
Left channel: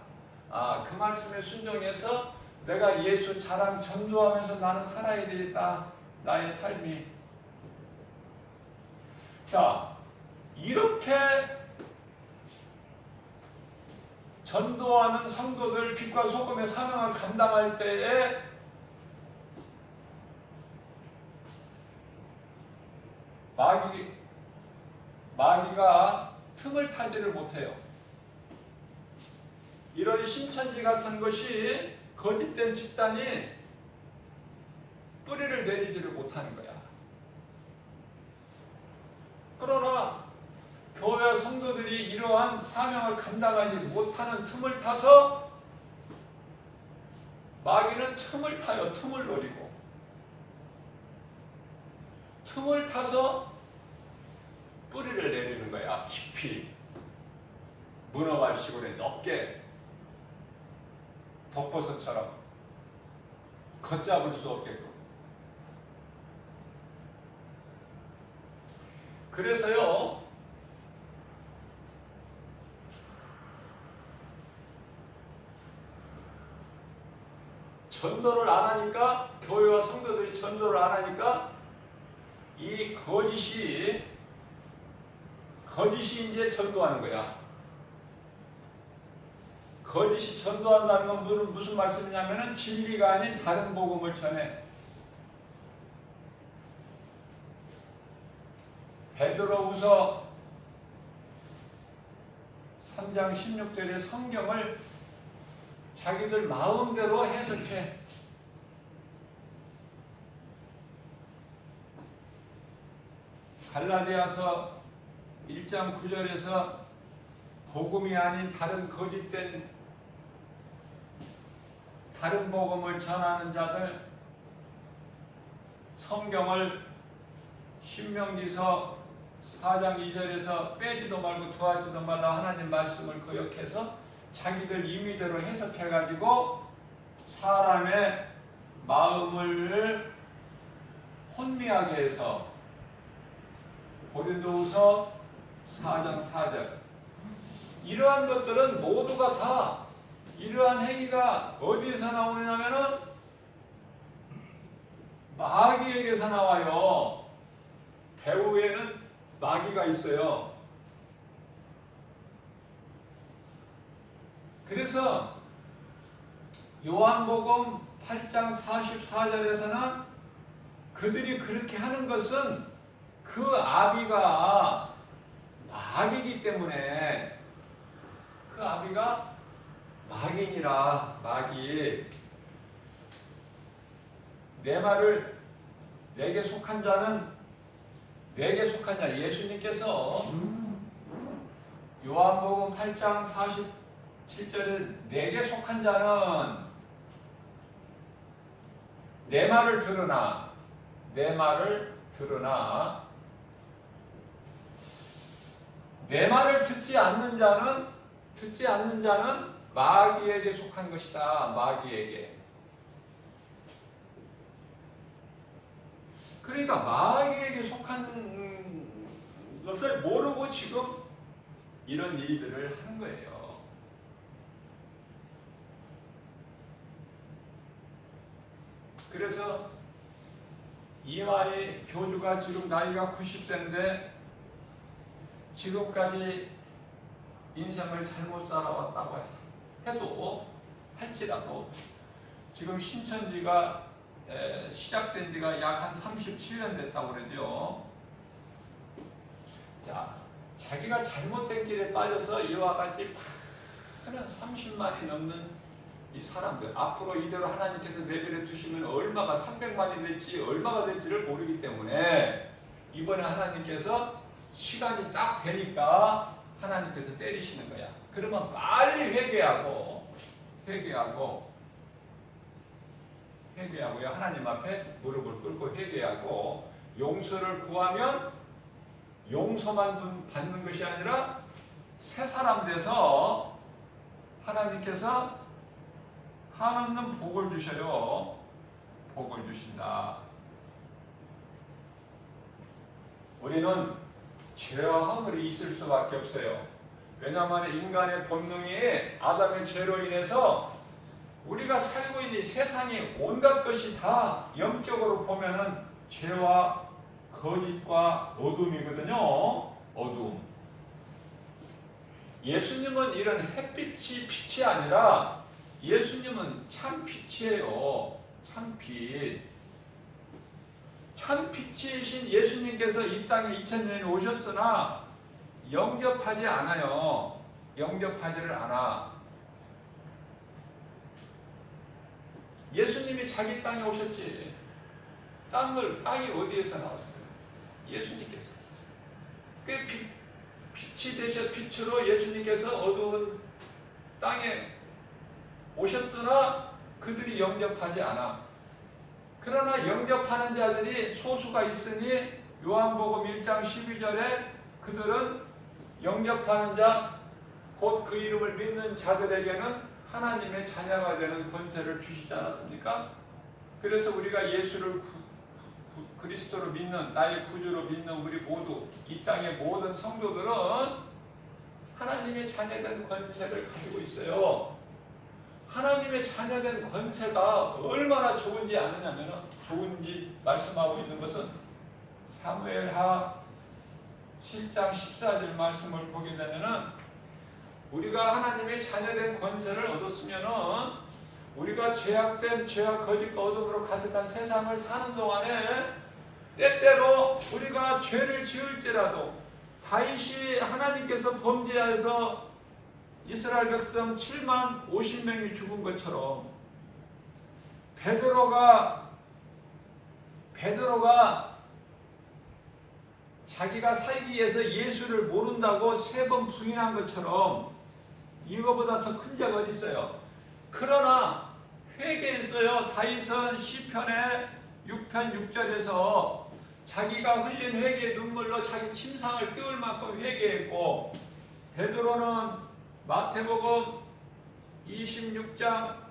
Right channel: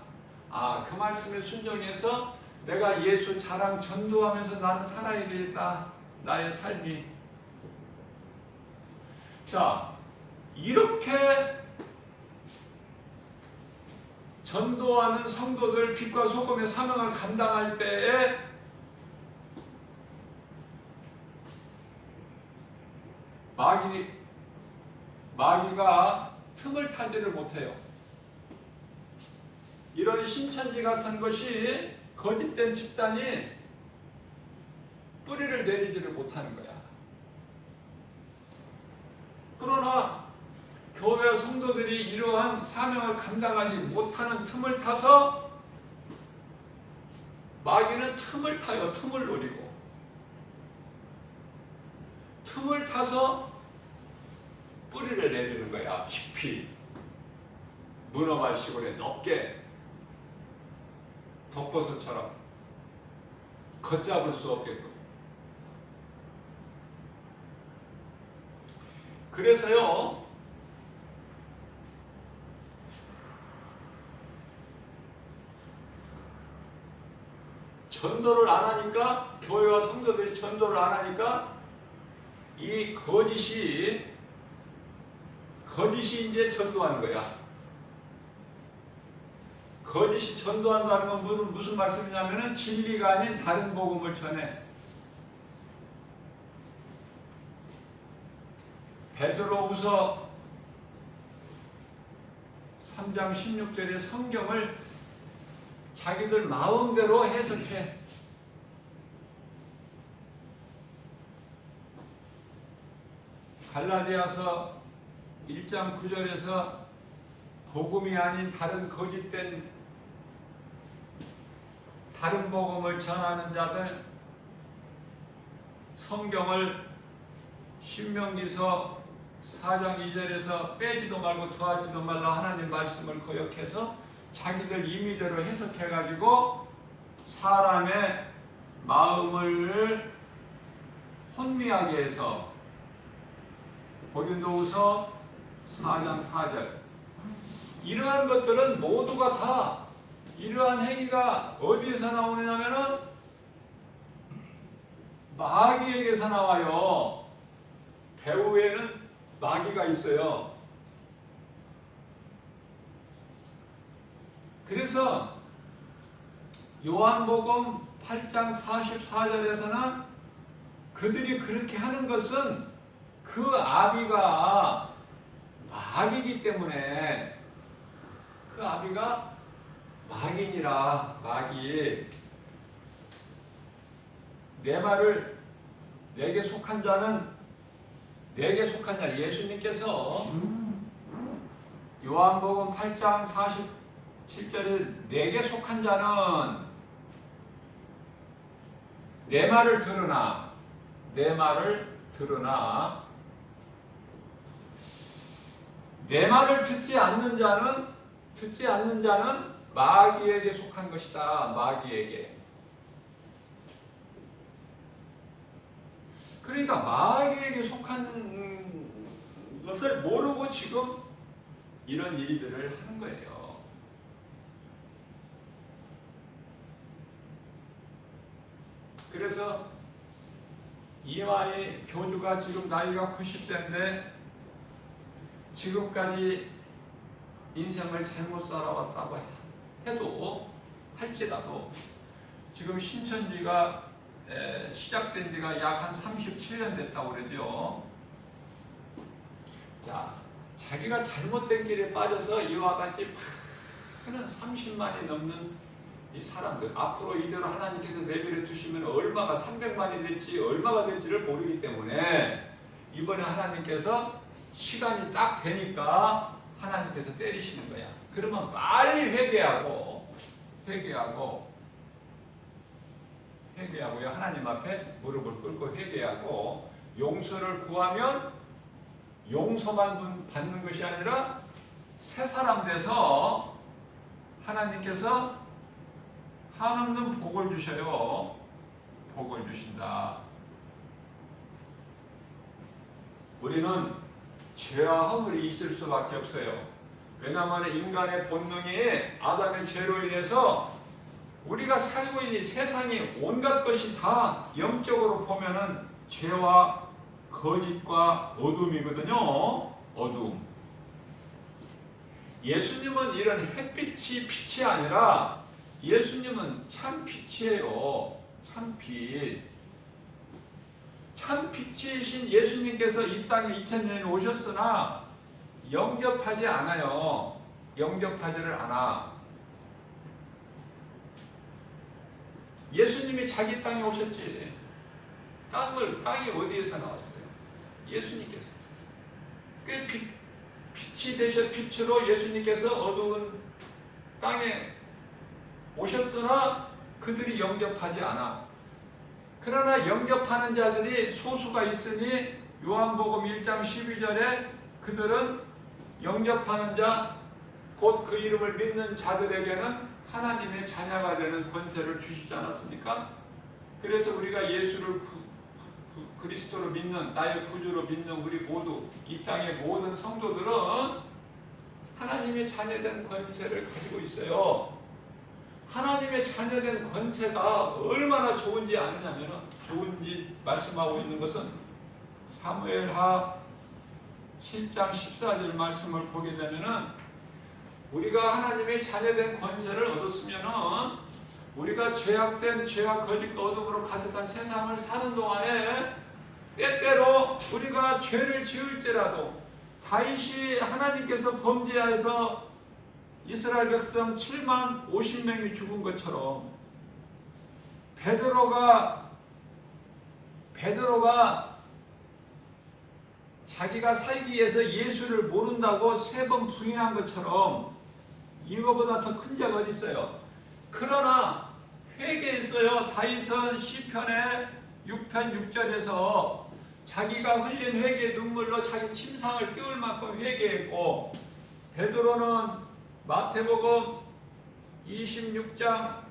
그 말씀에 순종해서 내가 예수 자랑 전도하면서 나는 살아야 되겠다. 나의 삶이. 자, 이렇게 전도하는 성도들 빛과 소금의 사명을 감당할 때에 마귀가 틈을 타지를 못해요. 이런 신천지 같은 것이 거짓된 집단이 뿌리를 내리지를 못하는 거야. 그러나 교회 성도들이 이러한 사명을 감당하지 못하는 틈을 타서 마귀는 틈을 타요. 틈을 노리고. 틈을 타서 뿌리를 내리는 거야. 깊이. 문어발 시골에 넓게. 독버섯처럼 걷잡을 수 없게끔. 그래서요, 전도를 안 하니까, 교회와 성도들이 전도를 안 하니까 이 거짓이 이제 전도하는 거야. 거짓이 전도한다는 건 무슨 말씀이냐면은 진리가 아닌 다른 복음을 전해. 베드로후서 3장 16절의 성경을 자기들 마음대로 해석해. 갈라디아서 1장 9절에서 복음이 아닌 다른 거짓된 다른 복음을 전하는 자들, 성경을 신명기서 4장 2절에서 빼지도 말고 더하지도 말라 하나님 말씀을 거역해서 자기들 임의대로 해석해가지고 사람의 마음을 혼미하게 해서 고린도후서 4장 4절 이러한 것들은 모두가 다 이러한 행위가 어디에서 나오느냐면은 마귀에게서 나와요. 배후에는 마귀가 있어요. 그래서 요한복음 8장 44절에서는 그들이 그렇게 하는 것은 그 아비가 마귀이기 때문에 그 아비가 마귀니라. 마귀. 내 말을 내게 속한 자는 내게 속한 자 예수님께서 요한복음 8장 47절에 내게 속한 자는 내 말을 들으나 내 말을 듣지 않는 자는 마귀에게 속한 것이다. 마귀에게. 그러니까 마귀에게 속한 것을 모르고 지금 이런 일들을 하는 거예요. 그래서 이화의 교주가 지금 나이가 90세인데 지금까지 인생을 잘못 살아왔다고 해도 할지라도 지금 신천지가 시작된 지가 약 한 37년 됐다고 그러죠. 자, 자기가 잘못된 길에 빠져서 이와 같이 많은 30만이 넘는 이 사람들 앞으로 이대로 하나님께서 내버려 두시면 얼마가 300만이 될지 얼마가 될지를 모르기 때문에 이번에 하나님께서 시간이 딱 되니까 하나님께서 때리시는 거야. 그러면 빨리 회개하고요. 하나님 앞에 무릎을 꿇고 회개하고 용서를 구하면 용서만 받는 것이 아니라 새 사람 돼서 하나님께서 한없는 복을 주셔요. 복을 주신다. 우리는 죄와 허물이 있을 수밖에 없어요. 왜냐하면 인간의 본능이 아담의 죄로 인해서 우리가 살고 있는 세상이 온갖 것이 다 영적으로 보면은 죄와 거짓과 어둠이거든요. 어둠. 예수님은 이런 햇빛이 빛이 아니라 예수님은 참 빛이에요. 참 빛. 참 빛이신 예수님께서 이 땅에 2000년에 오셨으나 영접하지 않아요. 영접하지를 않아. 예수님이 자기 땅에 오셨지. 땅이 어디에서 나왔어요? 예수님께서. 그 빛이 되셔 빛으로 예수님께서 어두운 땅에 오셨으나 그들이 영접하지 않아. 그러나 영접하는 자들이 소수가 있으니 요한복음 1장 12절에 그들은 영접하는 자, 곧 그 이름을 믿는 자들에게는 하나님의 자녀가 되는 권세를 주시지 않았습니까? 그래서 우리가 예수를 그리스도로 믿는, 나의 구주로 믿는 우리 모두, 이 땅의 모든 성도들은 하나님의 자녀된 권세를 가지고 있어요. 하나님의 자녀된 권세가 얼마나 좋은지 아느냐면, 좋은지 말씀하고 있는 것은 사무엘하 7장 14절 말씀을 보게 되면은 우리가 하나님의 자녀된 권세를 얻었으면은 우리가 죄악된 죄와 거짓과 어둠으로 가득한 세상을 사는 동안에 때때로 우리가 죄를 지을지라도 다윗이 하나님께서 범죄하여서 이스라엘 백성 7만 50명이 죽은 것처럼 베드로가 자기가 살기 위해서 예수를 모른다고 3번 부인한 것처럼 이거보다 더 큰 죄가 어디 있어요? 그러나 회개했어요. 다윗은 시편의 6편 6절에서 자기가 흘린 회개 눈물로 자기 침상을 띄울 만큼 회개했고, 베드로는 마태복음 26장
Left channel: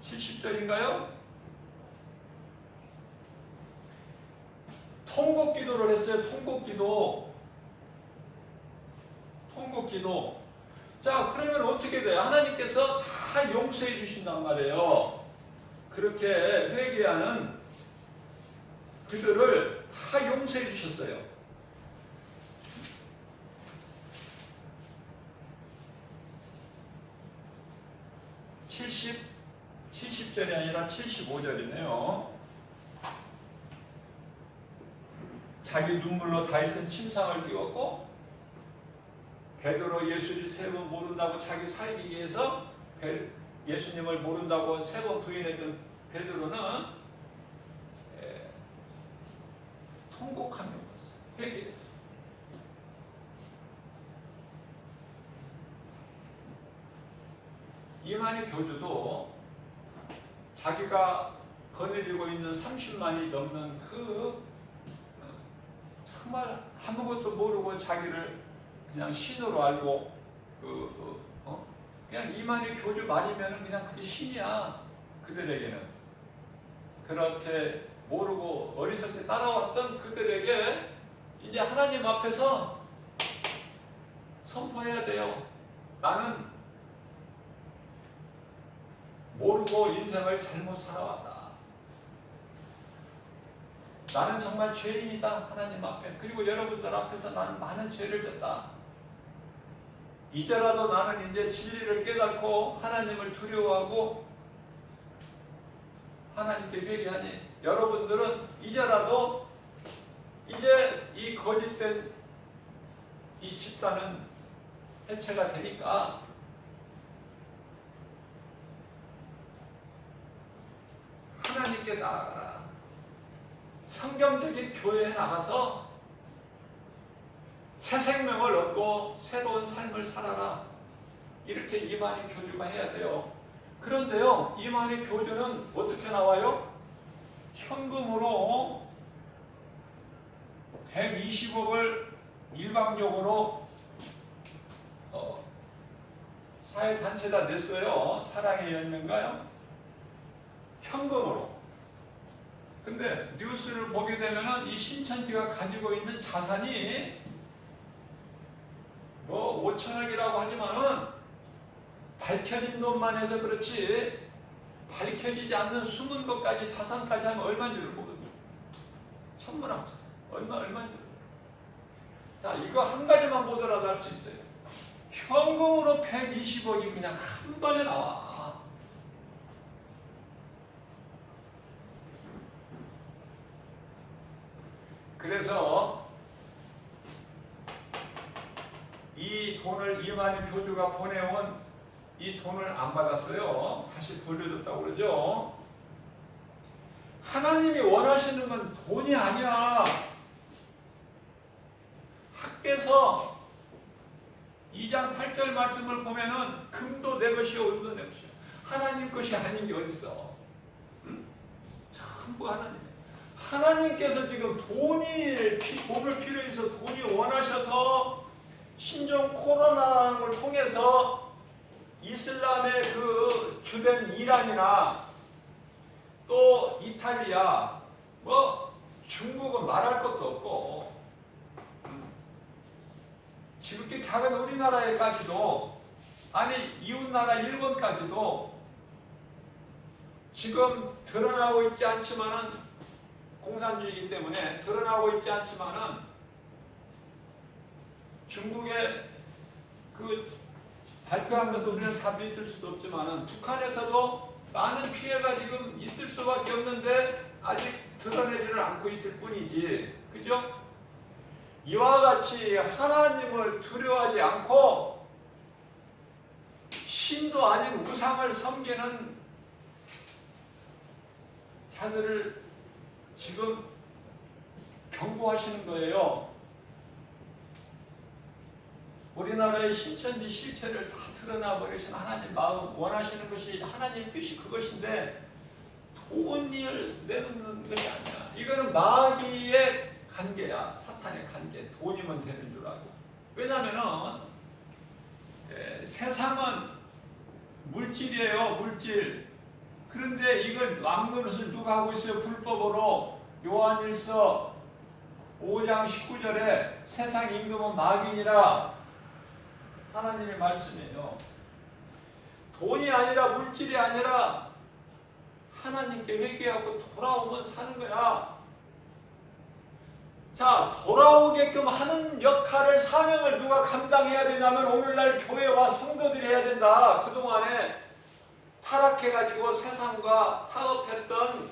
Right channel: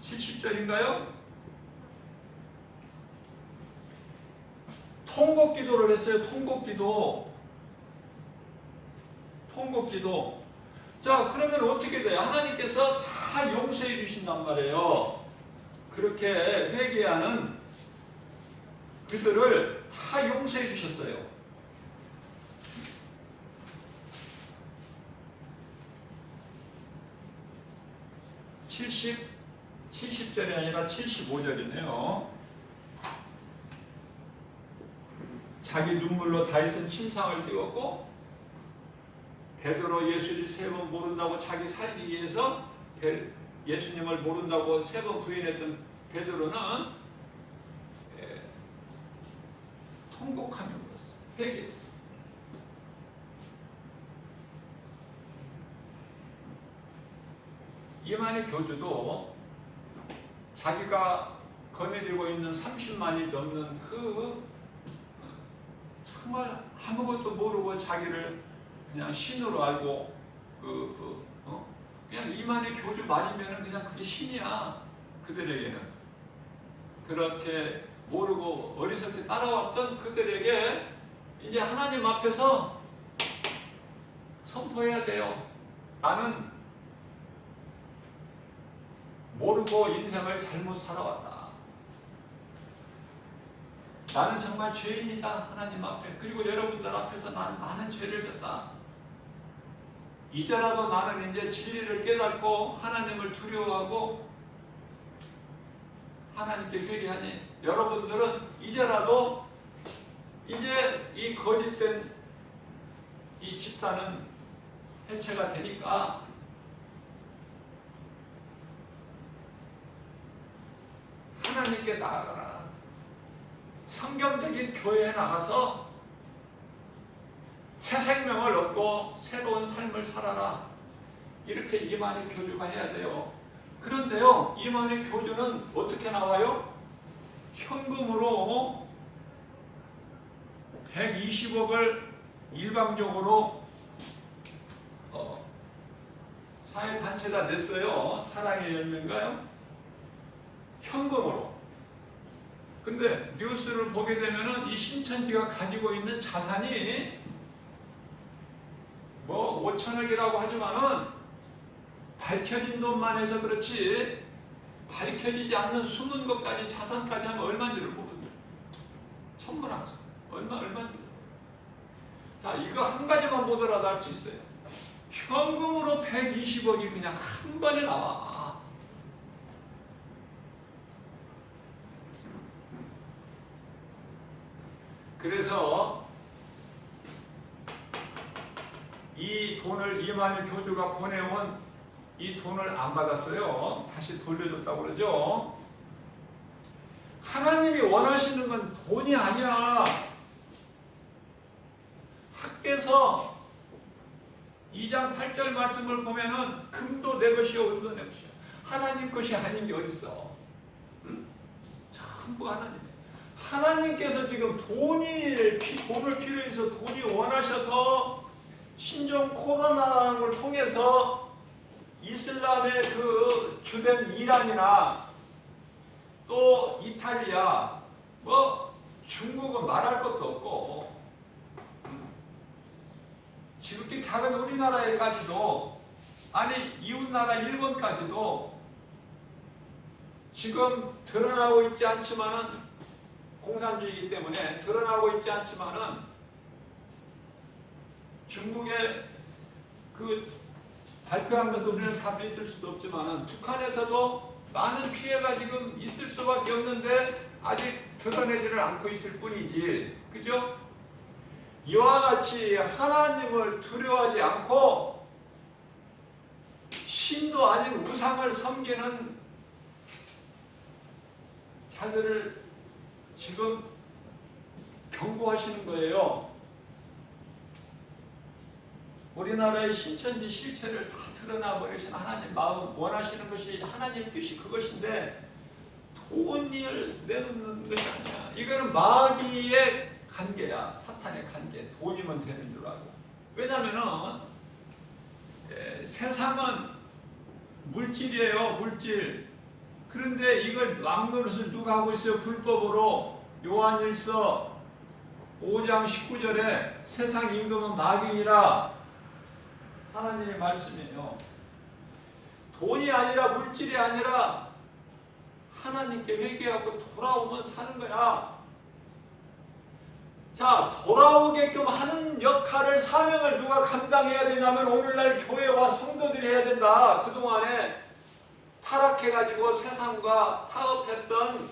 70절인가요? 통곡 기도를 했어요. 통곡 기도. 자, 그러면 어떻게 돼요? 하나님께서 다 용서해 주신단 말이에요. 그렇게 회개하는 그들을 다 용서해 주셨어요. 칠십 70절이 아니라 75절이네요. 자기 눈물로 다윗은 침상을 띄웠고, 베드로 예수를 3번 모른다고 자기 살기 위해서 예수님을 모른다고 3번 부인했던 베드로는 통곡하며 회개했어요. 이만희 교주도 자기가 거느리고 있는 30만이 넘는 정말 아무것도 모르고 자기를 그냥 신으로 알고 그냥 이만희 교주 말이면 그냥 그게 신이야. 그들에게는 그렇게 모르고 어리석게 따라왔던 그들에게 이제 하나님 앞에서 선포해야 돼요. 나는 모르고 인생을 잘못 살아왔다. 나는 정말 죄인이다. 하나님 앞에. 그리고 여러분들 앞에서 나는 많은 죄를 졌다. 이제라도 나는 이제 진리를 깨닫고 하나님을 두려워하고 하나님께 회개하니, 여러분들은 이제라도 이제 이 거짓된 이 집단은 해체가 되니까 하나님께 나아가라. 성경적인 교회에 나가서 새 생명을 얻고 새로운 삶을 살아라. 이렇게 이만희 교주가 해야 돼요. 그런데요, 이만희 교주는 어떻게 나와요? 현금으로 120억을 일방적으로 사회단체에다 냈어요. 사랑의 열매인가요? 현금으로. 근데 뉴스를 보게 되면은 이 신천지가 가지고 있는 자산이 뭐 5천억이라고 하지만은 밝혀진 돈만 해서 그렇지 밝혀지지 않는 숨은 것까지 자산까지 하면 얼마인지를 모르죠. 천문학자. 얼마인지를. 자, 이거 한 가지만 보더라도 알 수 있어요. 현금으로 120억이 그냥 한 번에 나와. 그래서 이 돈을 이만희 교주가 보내온 이 돈을 안 받았어요. 다시 돌려줬다고 그러죠. 하나님이 원하시는 건 돈이 아니야. 학개서 2장 8절 말씀을 보면은 금도 내 것이요 은도 내 것이요. 하나님 것이 아닌 게 어딨어. 응? 전부 하나님. 하나님께서 지금 돈을 필요해서 돈이 원하셔서 신종 코로나를 통해서 이슬람의 그 주된 이란이나 또 이탈리아, 뭐 중국은 말할 것도 없고 지극히 작은 우리나라에까지도, 아니 이웃나라 일본까지도 지금 드러나고 있지 않지만은, 공산주의이기 때문에 드러나고 있지 않지만은 중국의 그 발표한 것을 우리는 다 믿을 수도 없지만은 북한에서도 많은 피해가 지금 있을 수밖에 없는데 아직 드러내지를 않고 있을 뿐이지. 그죠? 이와 같이 하나님을 두려워하지 않고 신도 아닌 우상을 섬기는 자들을 지금 경고하시는 거예요. 우리나라의 신천지 실체를 다 드러나 버리신 하나님 마음, 원하시는 것이 하나님 뜻이 그것인데 돈을 내놓는 것이 아니야. 이거는 마귀의 관계야. 사탄의 관계. 돈이면 되는 줄 알고. 왜냐면은 세상은 물질이에요. 물질. 그런데 이걸 막노릇을 누가 하고 있어요? 불법으로. 요한일서 5장 19절에 세상 임금은 마귀니라 하나님의 말씀이에요. 돈이 아니라 물질이 아니라 하나님께 회개하고 돌아오면 사는 거야. 자, 돌아오게끔 하는 역할을, 사명을 누가 감당해야 되냐면 오늘날 교회와 성도들이 해야 된다. 그동안에 타락해가지고 세상과 타협했던,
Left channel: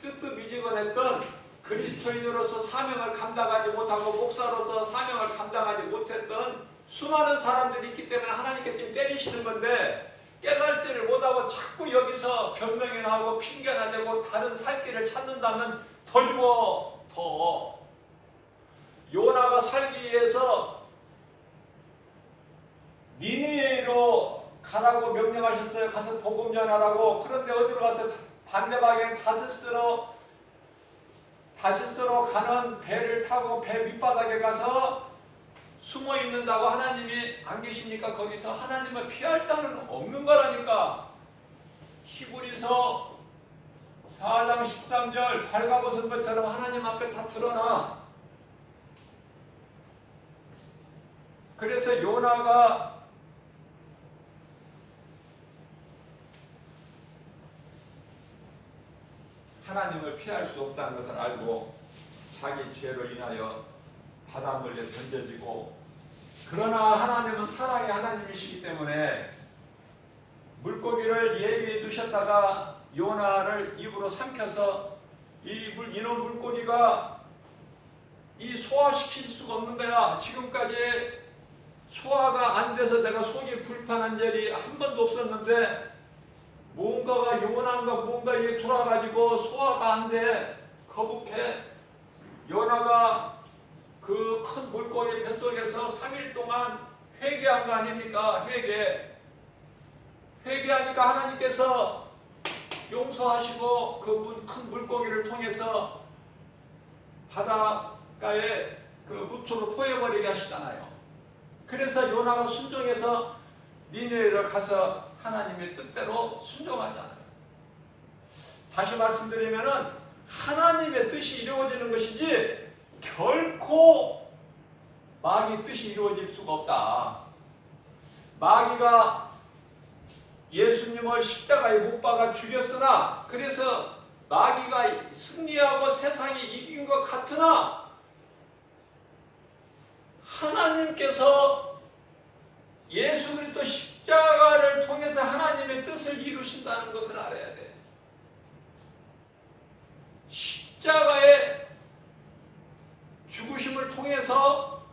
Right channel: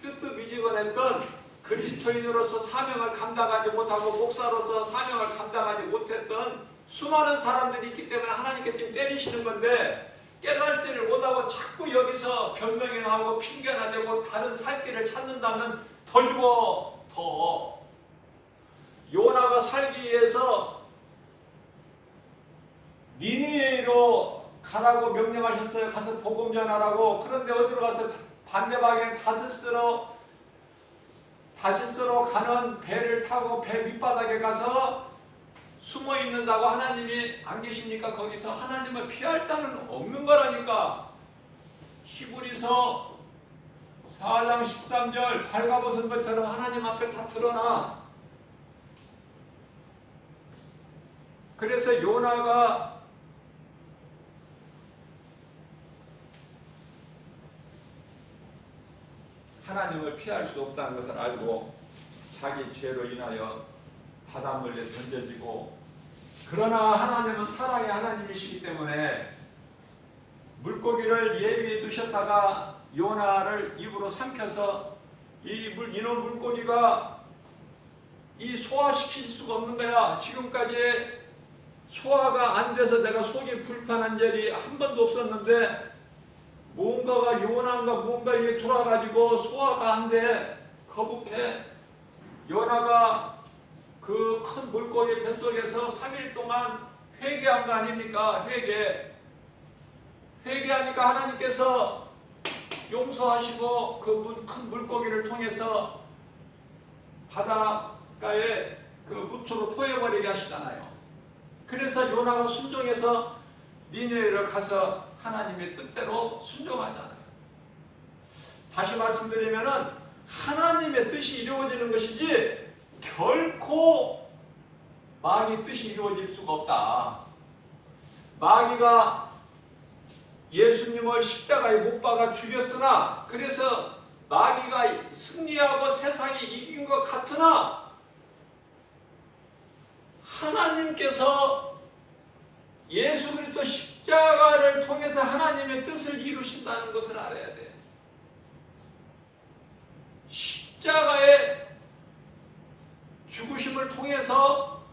뜨뜻미지근했던 그리스도인으로서 사명을 감당하지 못하고 목사로서 사명을 감당하지 못했던 수많은 사람들이 있기 때문에 하나님께 지금 때리시는 건데, 깨달지를 못하고 자꾸 여기서 변명이나 하고 핑계나 대고 다른 살 길을 찾는다면 더 죽어. 더. 요나가 살기 위해서 니느웨로 가라고 명령하셨어요. 가서 복음 전하라고. 그런데 어디로 가서 반대방에 다시스로 가는 배를 타고 배 밑바닥에 가서 숨어 있는다고 하나님이 안 계십니까? 거기서 하나님을 피할 자는 없는 거라니까. 히브리서 4장 13절 발가벗은 것처럼 하나님 앞에 다 드러나. 그래서 요나가 하나님을 피할 수 없다는 것을 알고 자기 죄로 인하여 바닷물에 던져지고, 그러나 하나님은 사랑의 하나님이시기 때문에 물고기를 예비해 두셨다가 요나를 입으로 삼켜서 이놈 물고기가 소화시킬 수가 없는 거야. 지금까지 소화가 안 돼서 내가 속이 불편한 일이 한 번도 없었는데 뭔가가 요나가 뭔가 이게 돌아가지고 소화가 안 돼. 거북해. 요나가 그 큰 물고기 뱃속에서 3일 동안 회개한 거 아닙니까? 회개하니까 하나님께서 용서하시고 그 큰 물고기를 통해서 바닷가에 그 무트로 토해버리게 하시잖아요. 그래서 요나가 순종해서 니느웨로 가서 하나님의 뜻대로 순종하잖아요. 다시 말씀드리면은 하나님의 뜻이 이루어지는 것이지 결코 마귀 뜻이 이루어질 수가 없다. 마귀가 예수님을 십자가에 못 박아 죽였으나, 그래서 마귀가 승리하고 세상이 이긴 것 같으나 하나님께서 예수 그리스도 십자가를 통해서 하나님의 뜻을 이루신다는 것을 알아야 돼. 십자가의 죽으심을 통해서,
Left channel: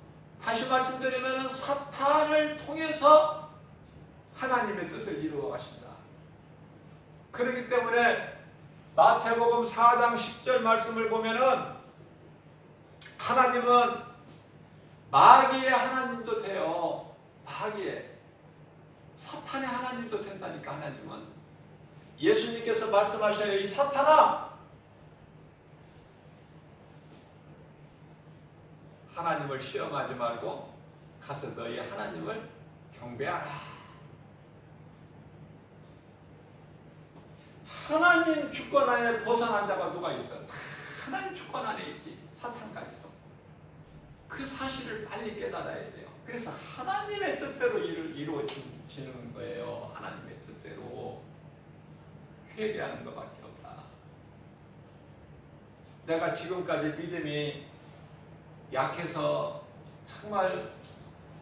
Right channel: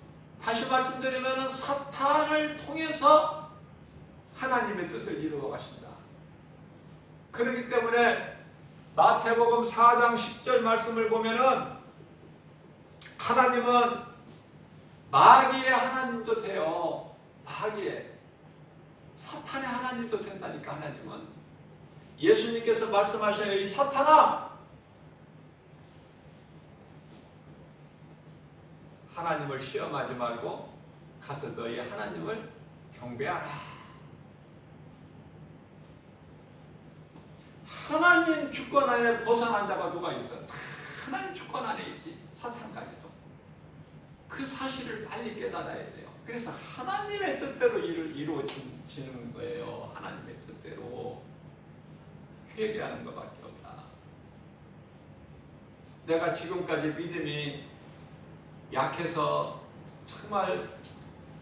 다시 말씀드리면 사탄을 통해서 하나님의 뜻을 이루어 가신다. 그렇기 때문에 마태복음 4장 10절 말씀을 보면은 하나님은 마귀의 하나님도 돼요. 마귀의. 사탄의 하나님도 된다니까. 하나님은. 예수님께서 말씀하셔요. 이 사탄아! 하나님을 시험하지 말고 가서 너희 하나님을 경배하라. 하나님 주권 안에 벗어난 자가 누가 있어? 하나님 주권 안에 있지. 사탄까지도. 그 사실을 빨리 깨달아야 돼요. 그래서 하나님의 뜻대로 이루어지는 거예요. 하나님의 뜻대로. 회개하는 것밖에 없다. 내가 지금까지 믿음이 약해서 정말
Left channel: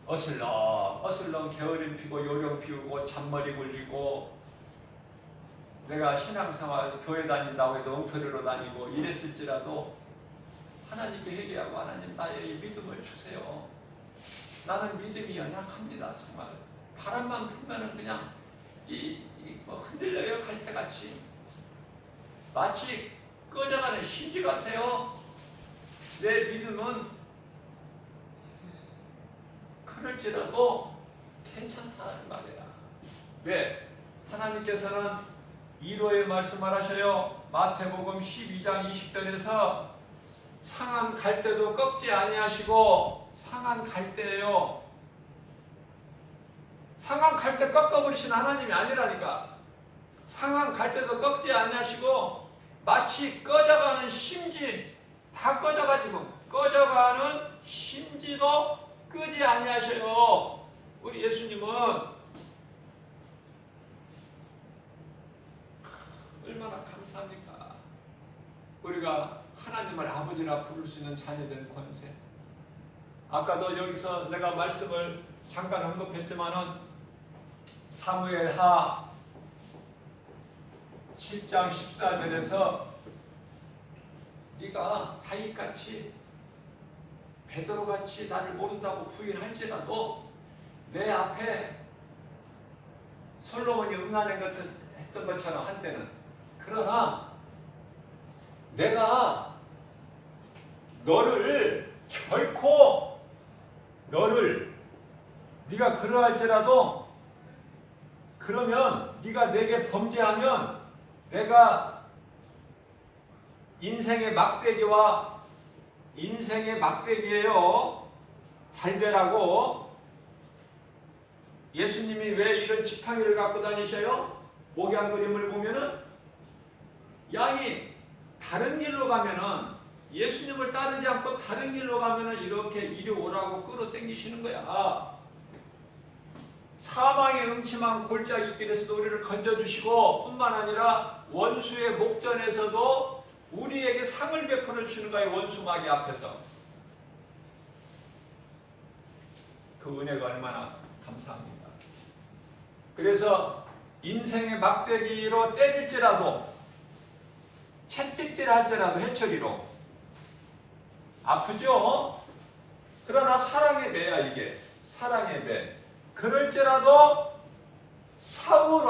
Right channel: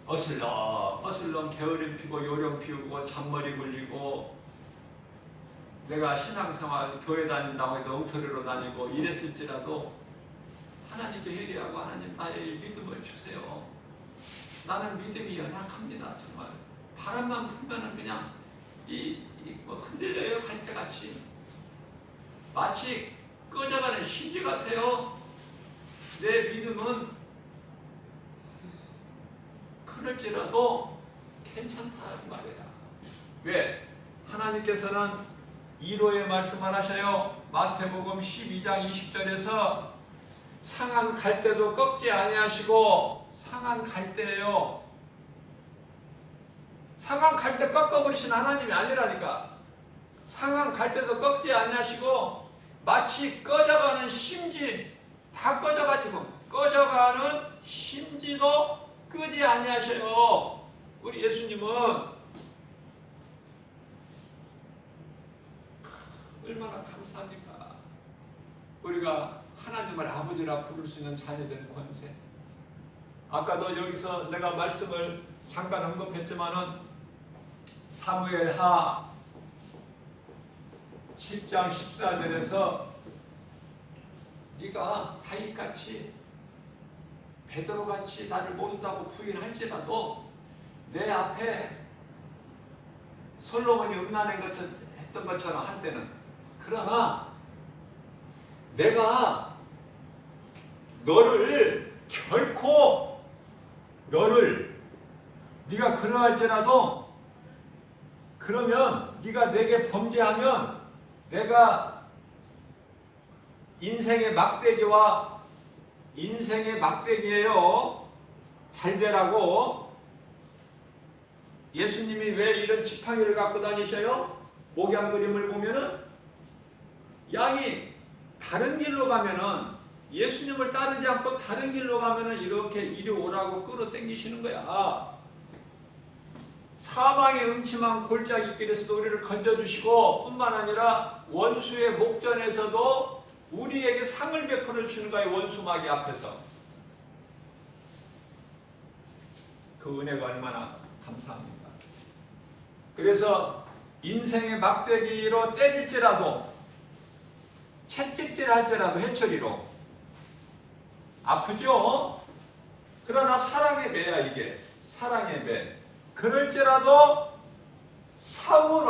어슬렁 게으름 피고 요령 피우고 잔머리 굴리고, 내가 신앙생활 교회 다닌다고 해도 엉터리로 다니고 이랬을지라도 하나님께 회개하고, 하나님 나의 믿음을 주세요. 나는 믿음이 연약합니다. 정말 바람만 불면은 그냥 흔들려요. 갈대같이. 마치 꺼져가는 심지 같아요. 내 믿음은 그럴지라도 괜찮다는 말이야. 왜? 하나님께서는 이로의 말씀을 하셔요. 마태복음 12장 20절에서 상한 갈대도 꺾지 아니하시고, 상한 갈대예요. 상한 갈대 꺾어버리신 하나님이 아니라니까. 상한 갈대도 꺾지 아니하시고 마치 꺼져가는 심지, 다 꺼져가지고 꺼져가는 심지도 끄지 아니하셔요. 우리 예수님은 얼마나 감사합니까? 우리가 하나님을 아버지라 부를 수 있는 자녀된 권세. 아까도 여기서 내가 말씀을 잠깐 언급했지만은 사무엘하 7장 14절에서 네가 다윗같이 베드로같이 나를 모른다고 부인할지라도 내 앞에 솔로몬이 음란한 것을 했던 것처럼 한때는, 그러나 내가 너를 결코 네가 그러할지라도, 그러면 네가 내게 범죄하면 내가 인생의 막대기예요. 잘 되라고. 예수님이 왜 이런 지팡이를 갖고 다니셔요? 목양 그림을 보면은 양이 다른 길로 가면은, 예수님을 따르지 않고 다른 길로 가면은 이렇게 이리 오라고 끌어당기시는 거야. 사망의 음침한 골짜기 길에서도 우리를 건져주시고, 뿐만 아니라 원수의 목전에서도 우리에게 상을 베풀어 주시는 거예요. 원수마귀 앞에서. 그 은혜가 얼마나 감사합니다. 그래서 인생의 막대기로 때릴지라도, 채찍질 할지라도 해처리로 아프죠? 그러나 사랑의 배야. 이게 사랑의 배. 그럴지라도 사울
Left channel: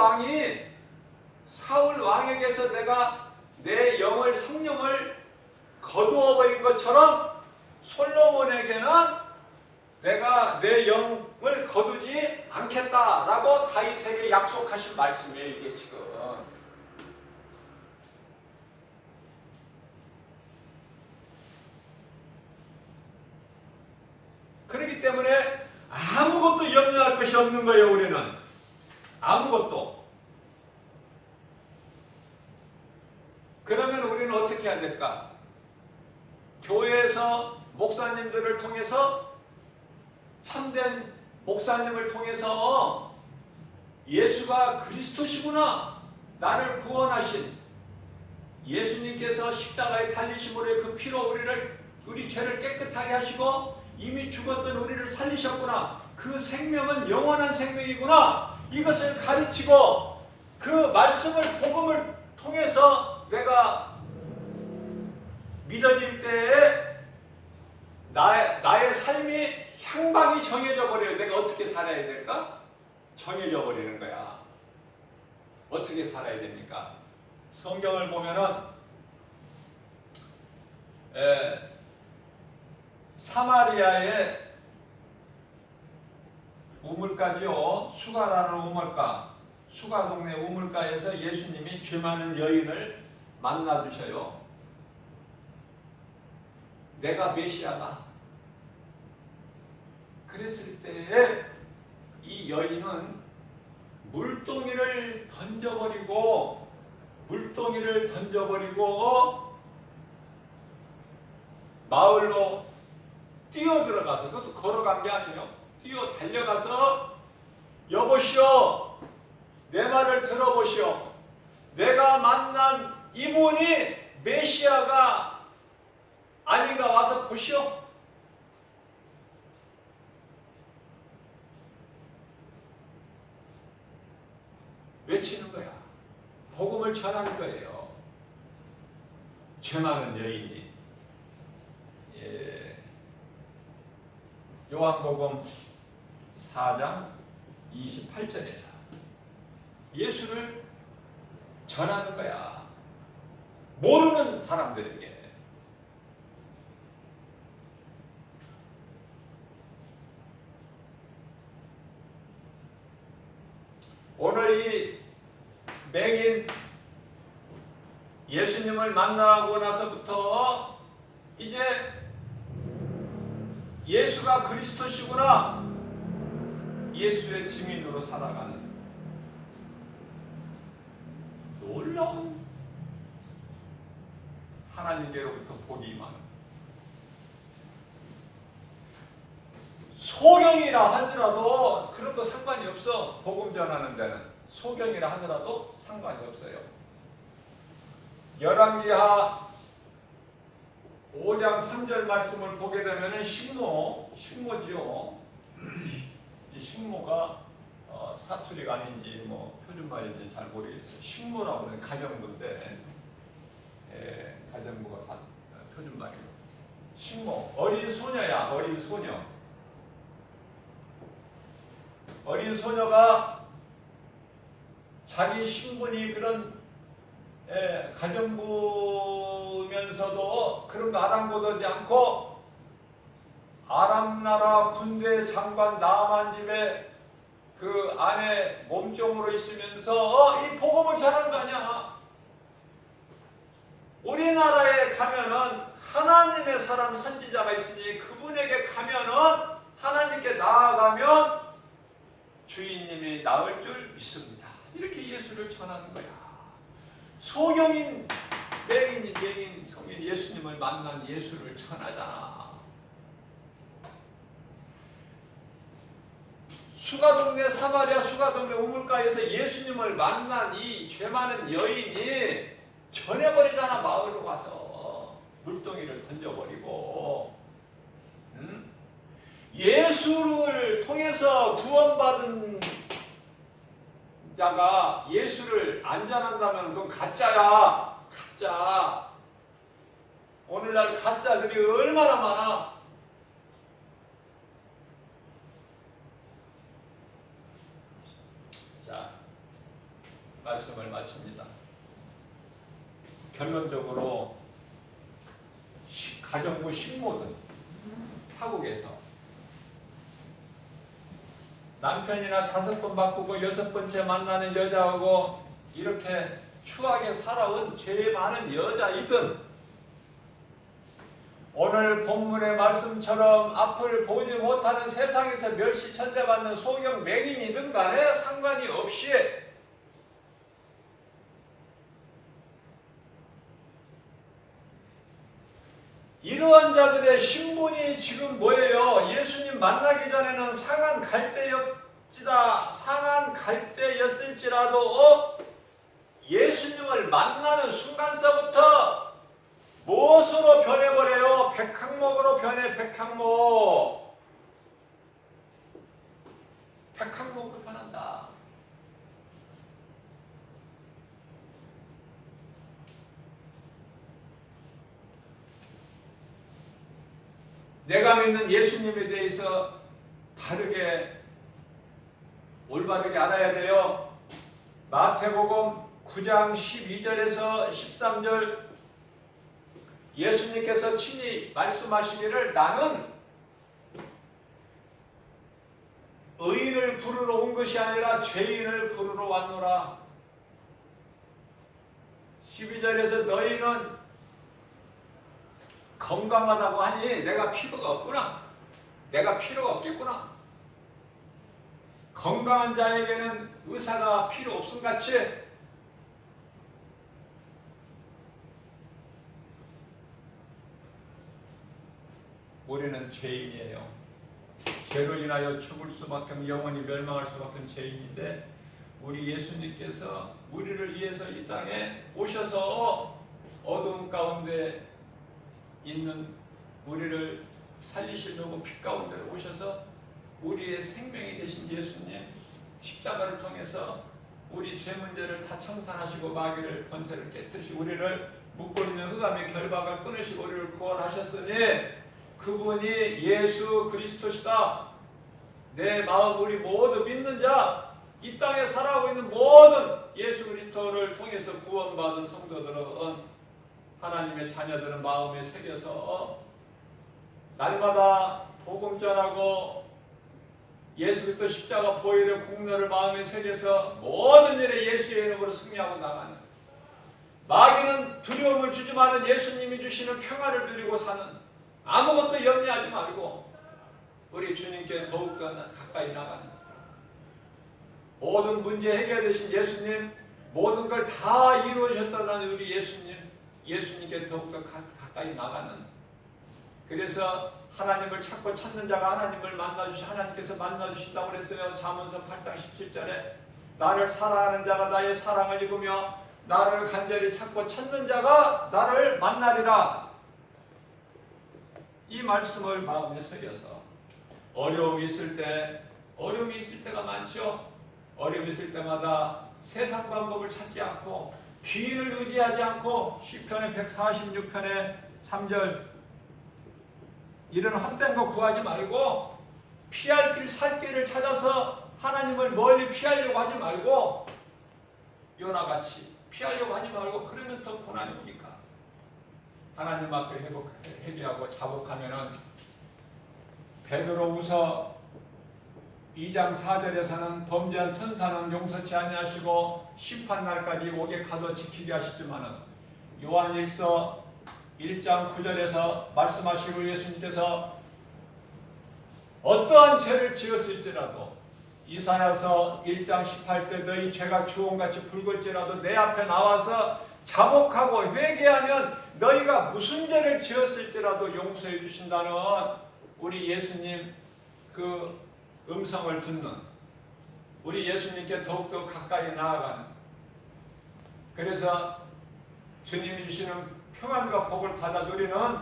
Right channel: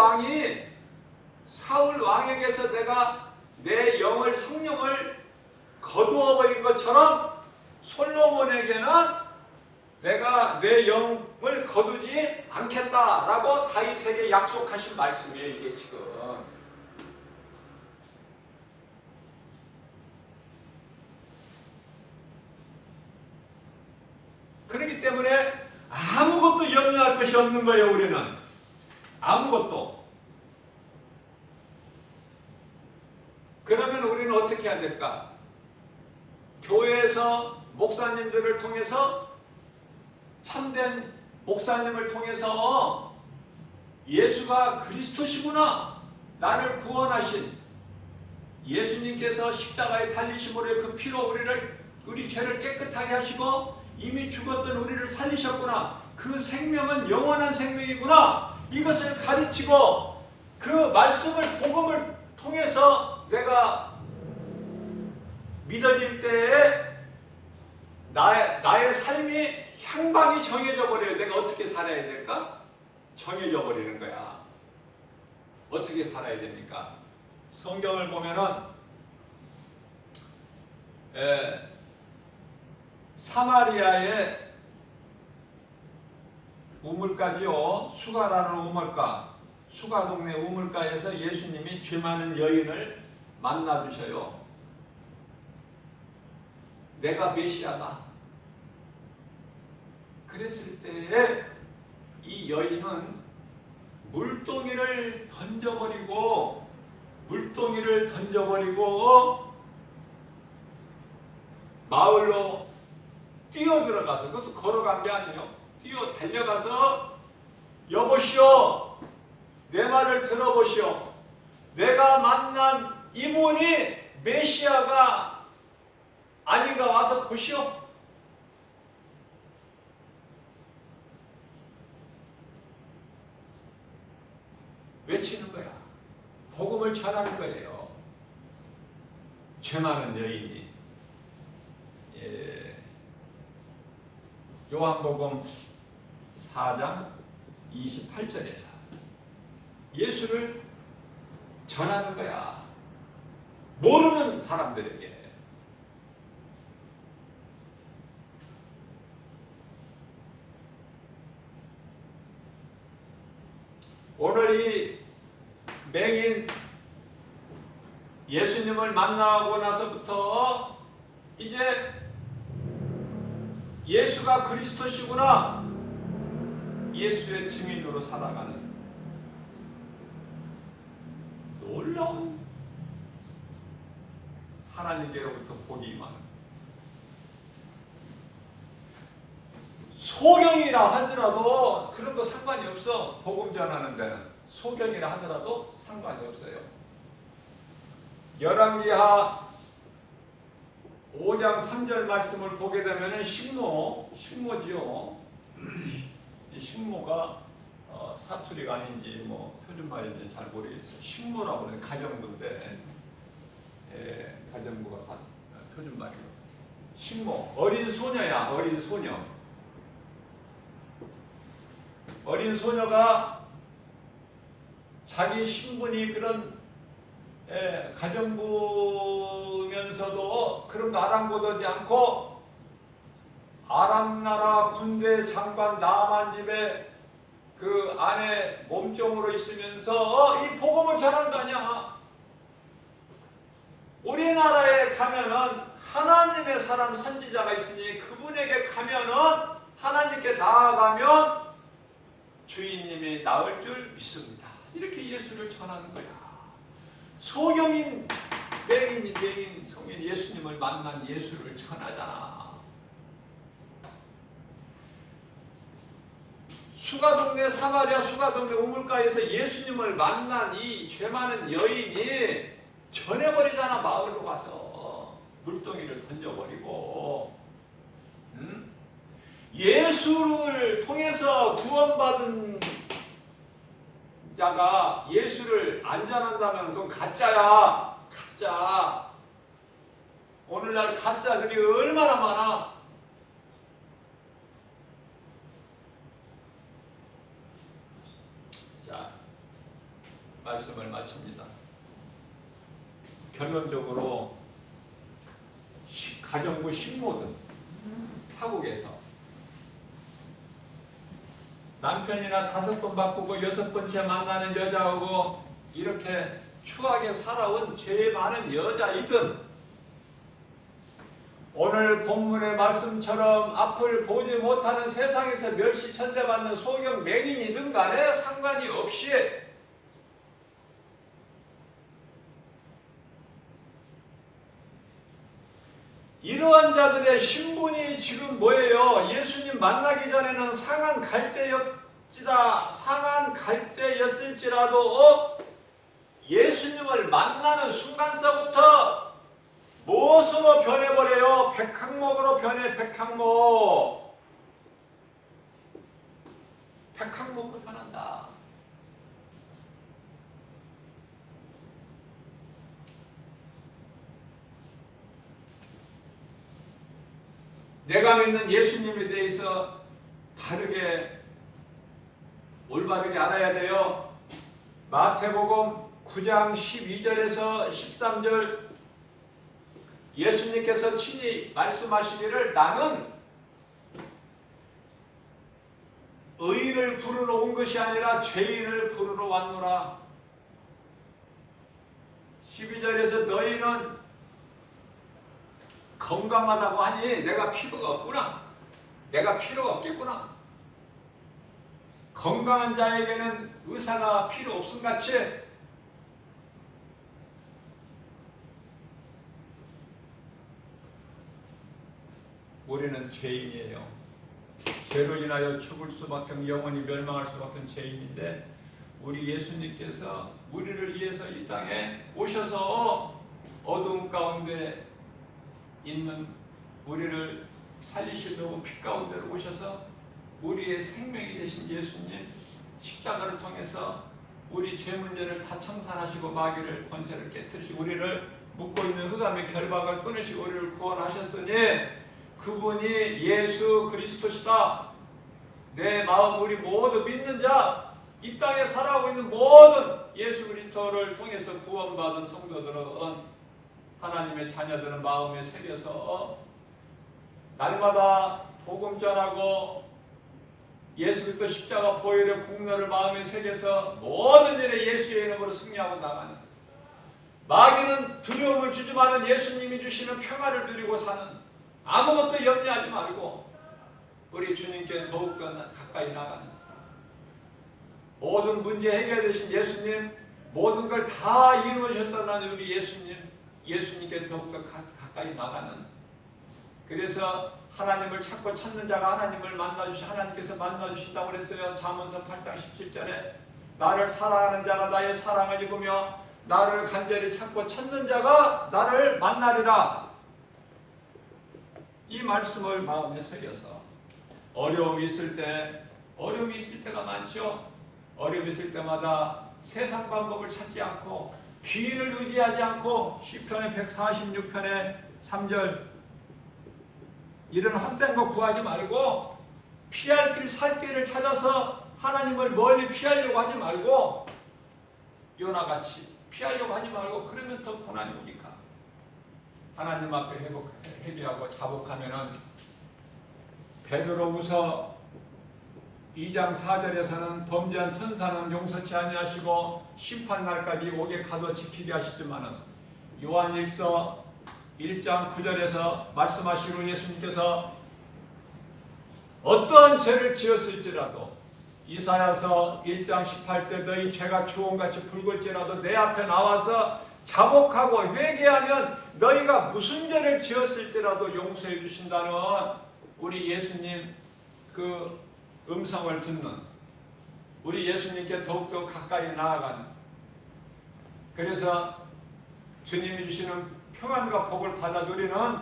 왕에게서 내가 내 영을, 성령을 거두어버린 것처럼 솔로몬에게는 내가 내 영을 거두지 않겠다라고 다윗에게 약속하신 말씀이에요. 이게 지금. 그렇기 때문에 아무것도 염려할 것이 없는 거예요. 우리는 아무것도. 그러면 우리는 어떻게 해야 될까? 교회에서 목사님들을 통해서, 참된 목사님을 통해서 예수가 그리스도시구나, 나를 구원하신 예수님께서 십자가에 달리심으로 그 피로 우리 죄를 깨끗하게 하시고 이미 죽었던 우리를 살리셨구나, 그 생명은 영원한 생명이구나, 이것을 가르치고 그 말씀을, 복음을 통해서 내가 믿어질 때에 나의 삶이 향방이 정해져 버려요. 내가 어떻게 살아야 될까? 정해져 버리는 거야. 어떻게 살아야 됩니까? 성경을 보면은 사마리아의 우물가지요. 수가라는 우물가, 수가 동네 우물가에서 예수님이 죄 많은 여인을 만나 주셔요. 내가 메시아다. 그랬을 때에 이 여인은 물동이를 던져버리고 마을로 뛰어 들어가서, 그것도 걸어간 게 아니에요. 뛰어 달려가서, 여보시오, 내 말을 들어보시오. 내가 만난 이분이 메시아가 아닌가 와서 보시오. 외치는 거야. 복음을 전하는 거예요. 죄 많은 여인이. 요한복음 4장 28절에서 예수를 전하는 거야. 모르는 사람들에게. 오늘 이 맹인 예수님을 만나고 나서부터 이제 예수가 그리스도시구나, 예수의 증인으로 살아가는 놀라운 하나님께로부터 복이 임하는, 소경이라 하더라도 그런 거 상관이 없어. 복음 전하는 데는 소경이라 하더라도 상관이 없어요. 열왕기하 5장 3절 말씀을 보게 되면 식모지요. 이 식모가 사투리가 아닌지 뭐 표준말인지 잘 모르겠어요. 식모라고 하는 가정부인데, 가정부가 표준말이고, 식모, 어린 소녀야. 어린 소녀. 어린 소녀가 자기 신분이 그런 가정부면서도 그런 거 아랑곳하지 않고 아람 나라 군대 장관 나만 집에 그 안에 몸종으로 있으면서 이 복음을 전한다냐. 우리나라에 가면은 하나님의 사람 선지자가 있으니 그분에게 가면은 하나님께 나아가면 주인님이 나을 줄 믿습니다. 이렇게 예수를 전하는 거야. 소경인, 맹인, 성인 예수님을 만난 예수를 전하잖아. 수가동네, 사마리아 수가동네 우물가에서 예수님을 만난 이 죄 많은 여인이 전해버리잖아. 마을로 가서 물동이를 던져버리고. 예수를 통해서 구원받은 자가 예수를 안 전한다면 그건 가짜야. 가짜. 오늘날 가짜들이 얼마나 많아. 자, 말씀을 마칩니다. 결론적으로 가정부 식모든 타국에서 남편이나 5번 바꾸고 6번째 만나는 여자하고 이렇게 추하게 살아온 죄 많은 여자이든 오늘 본문의 말씀처럼 앞을 보지 못하는 세상에서 멸시천대받는 소경 맹인이든 간에 상관이 없이 이러한 자들의 신분이 지금 뭐예요? 예수님 만나기 전에는 상한 갈대였을지라도 예수님을 만나는 순간서부터 무엇으로 변해버려요? 백항목으로 변해. 백항목으로 변한다. 내가 믿는 예수님에 대해서 바르게 올바르게 알아야 돼요. 마태복음 9장 12절에서 13절 예수님께서 친히 말씀하시기를 나는 의인을 부르러 온 것이 아니라 죄인을 부르러 왔노라. 12절에서 너희는 건강하다고 하니 내가 필요가 없구나. 내가 필요가 없겠구나. 건강한 자에게는 의사가 필요 없음같이 우리는 죄인이에요. 죄로 인하여 죽을 수밖에 없는, 영원히 멸망할 수밖에 없는 죄인인데 우리 예수님께서 우리를 위해서 이 땅에 오셔서 어두움 가운데 있는 우리를 살리시려고 피 가운데로 오셔서 우리의 생명이 되신 예수님 십자가를 통해서 우리 죄 문제를 다 청산하시고 마귀를 권세를 깨뜨리시고 우리를 묶고 있는 흑암의 결박을 끊으시고 우리를 구원하셨으니 그분이 예수 그리스도시다. 내 마음 우리 모두 믿는 자, 이 땅에 살아가고 있는 모든 예수 그리스도를 통해서 구원받은 성도들은 하나님의 자녀들은 마음에 새겨서 날마다 복음 전하고 예수 그리스도 십자가 보혈의 공로를 마음에 새겨서 모든 일에 예수의 이름으로 승리하고 나가는, 마귀는 두려움을 주지만은 예수님이 주시는 평화를 누리고 사는, 아무것도 염려하지 말고 우리 주님께 더욱더 가까이 나가는, 모든 문제 해결되신 예수님, 모든 걸 다 이루어졌다는 우리 예수님께 더욱더 가까이 나가는, 그래서 하나님을 찾고 찾는 자가 하나님을 하나님께서 만나주신다고 그랬으면 잠언서 8장 17절에 나를 사랑하는 자가 나의 사랑을 입으며 나를 간절히 찾고 찾는 자가 나를 만나리라. 이 말씀을 마음에 새겨서 어려움이 있을 때가 많죠. 어려움이 있을 때마다 세상 방법을 찾지 않고 귀를 의지하지 않고 시편의 146편의 3절 이런 헛된 거 구하지 말고 피할 길 살 길을 찾아서 하나님을 멀리 피하려고 하지 말고 요나같이 피하려고 하지 말고, 그러면 더 고난이 오니까 하나님 앞에 회개하고 자복하면은 베드로후서 2장 4절에서는 범죄한 천사는 용서치 아니하시고 심판날까지 옥에 가둬 지키게 하시지만은 요한일서 1장 9절에서 말씀하시고 예수님께서 어떠한 죄를 지었을지라도 이사야서 1장 18절 너희 죄가 주홍같이 붉을지라도 내 앞에 나와서 자복하고 회개하면 너희가 무슨 죄를 지었을지라도 용서해 주신다는 우리 예수님 그 음성을 듣는, 우리 예수님께 더욱더 가까이 나아가는, 그래서 주님이 주시는 평안과 복을 받아 누리는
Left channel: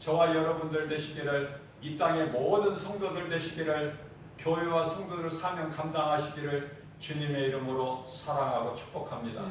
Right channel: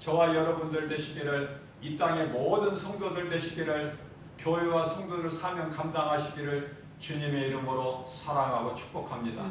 저와 여러분들 되시기를, 이 땅의 모든 성도들 되시기를, 교회와 성도들 사명 감당하시기를 주님의 이름으로 사랑하고 축복합니다.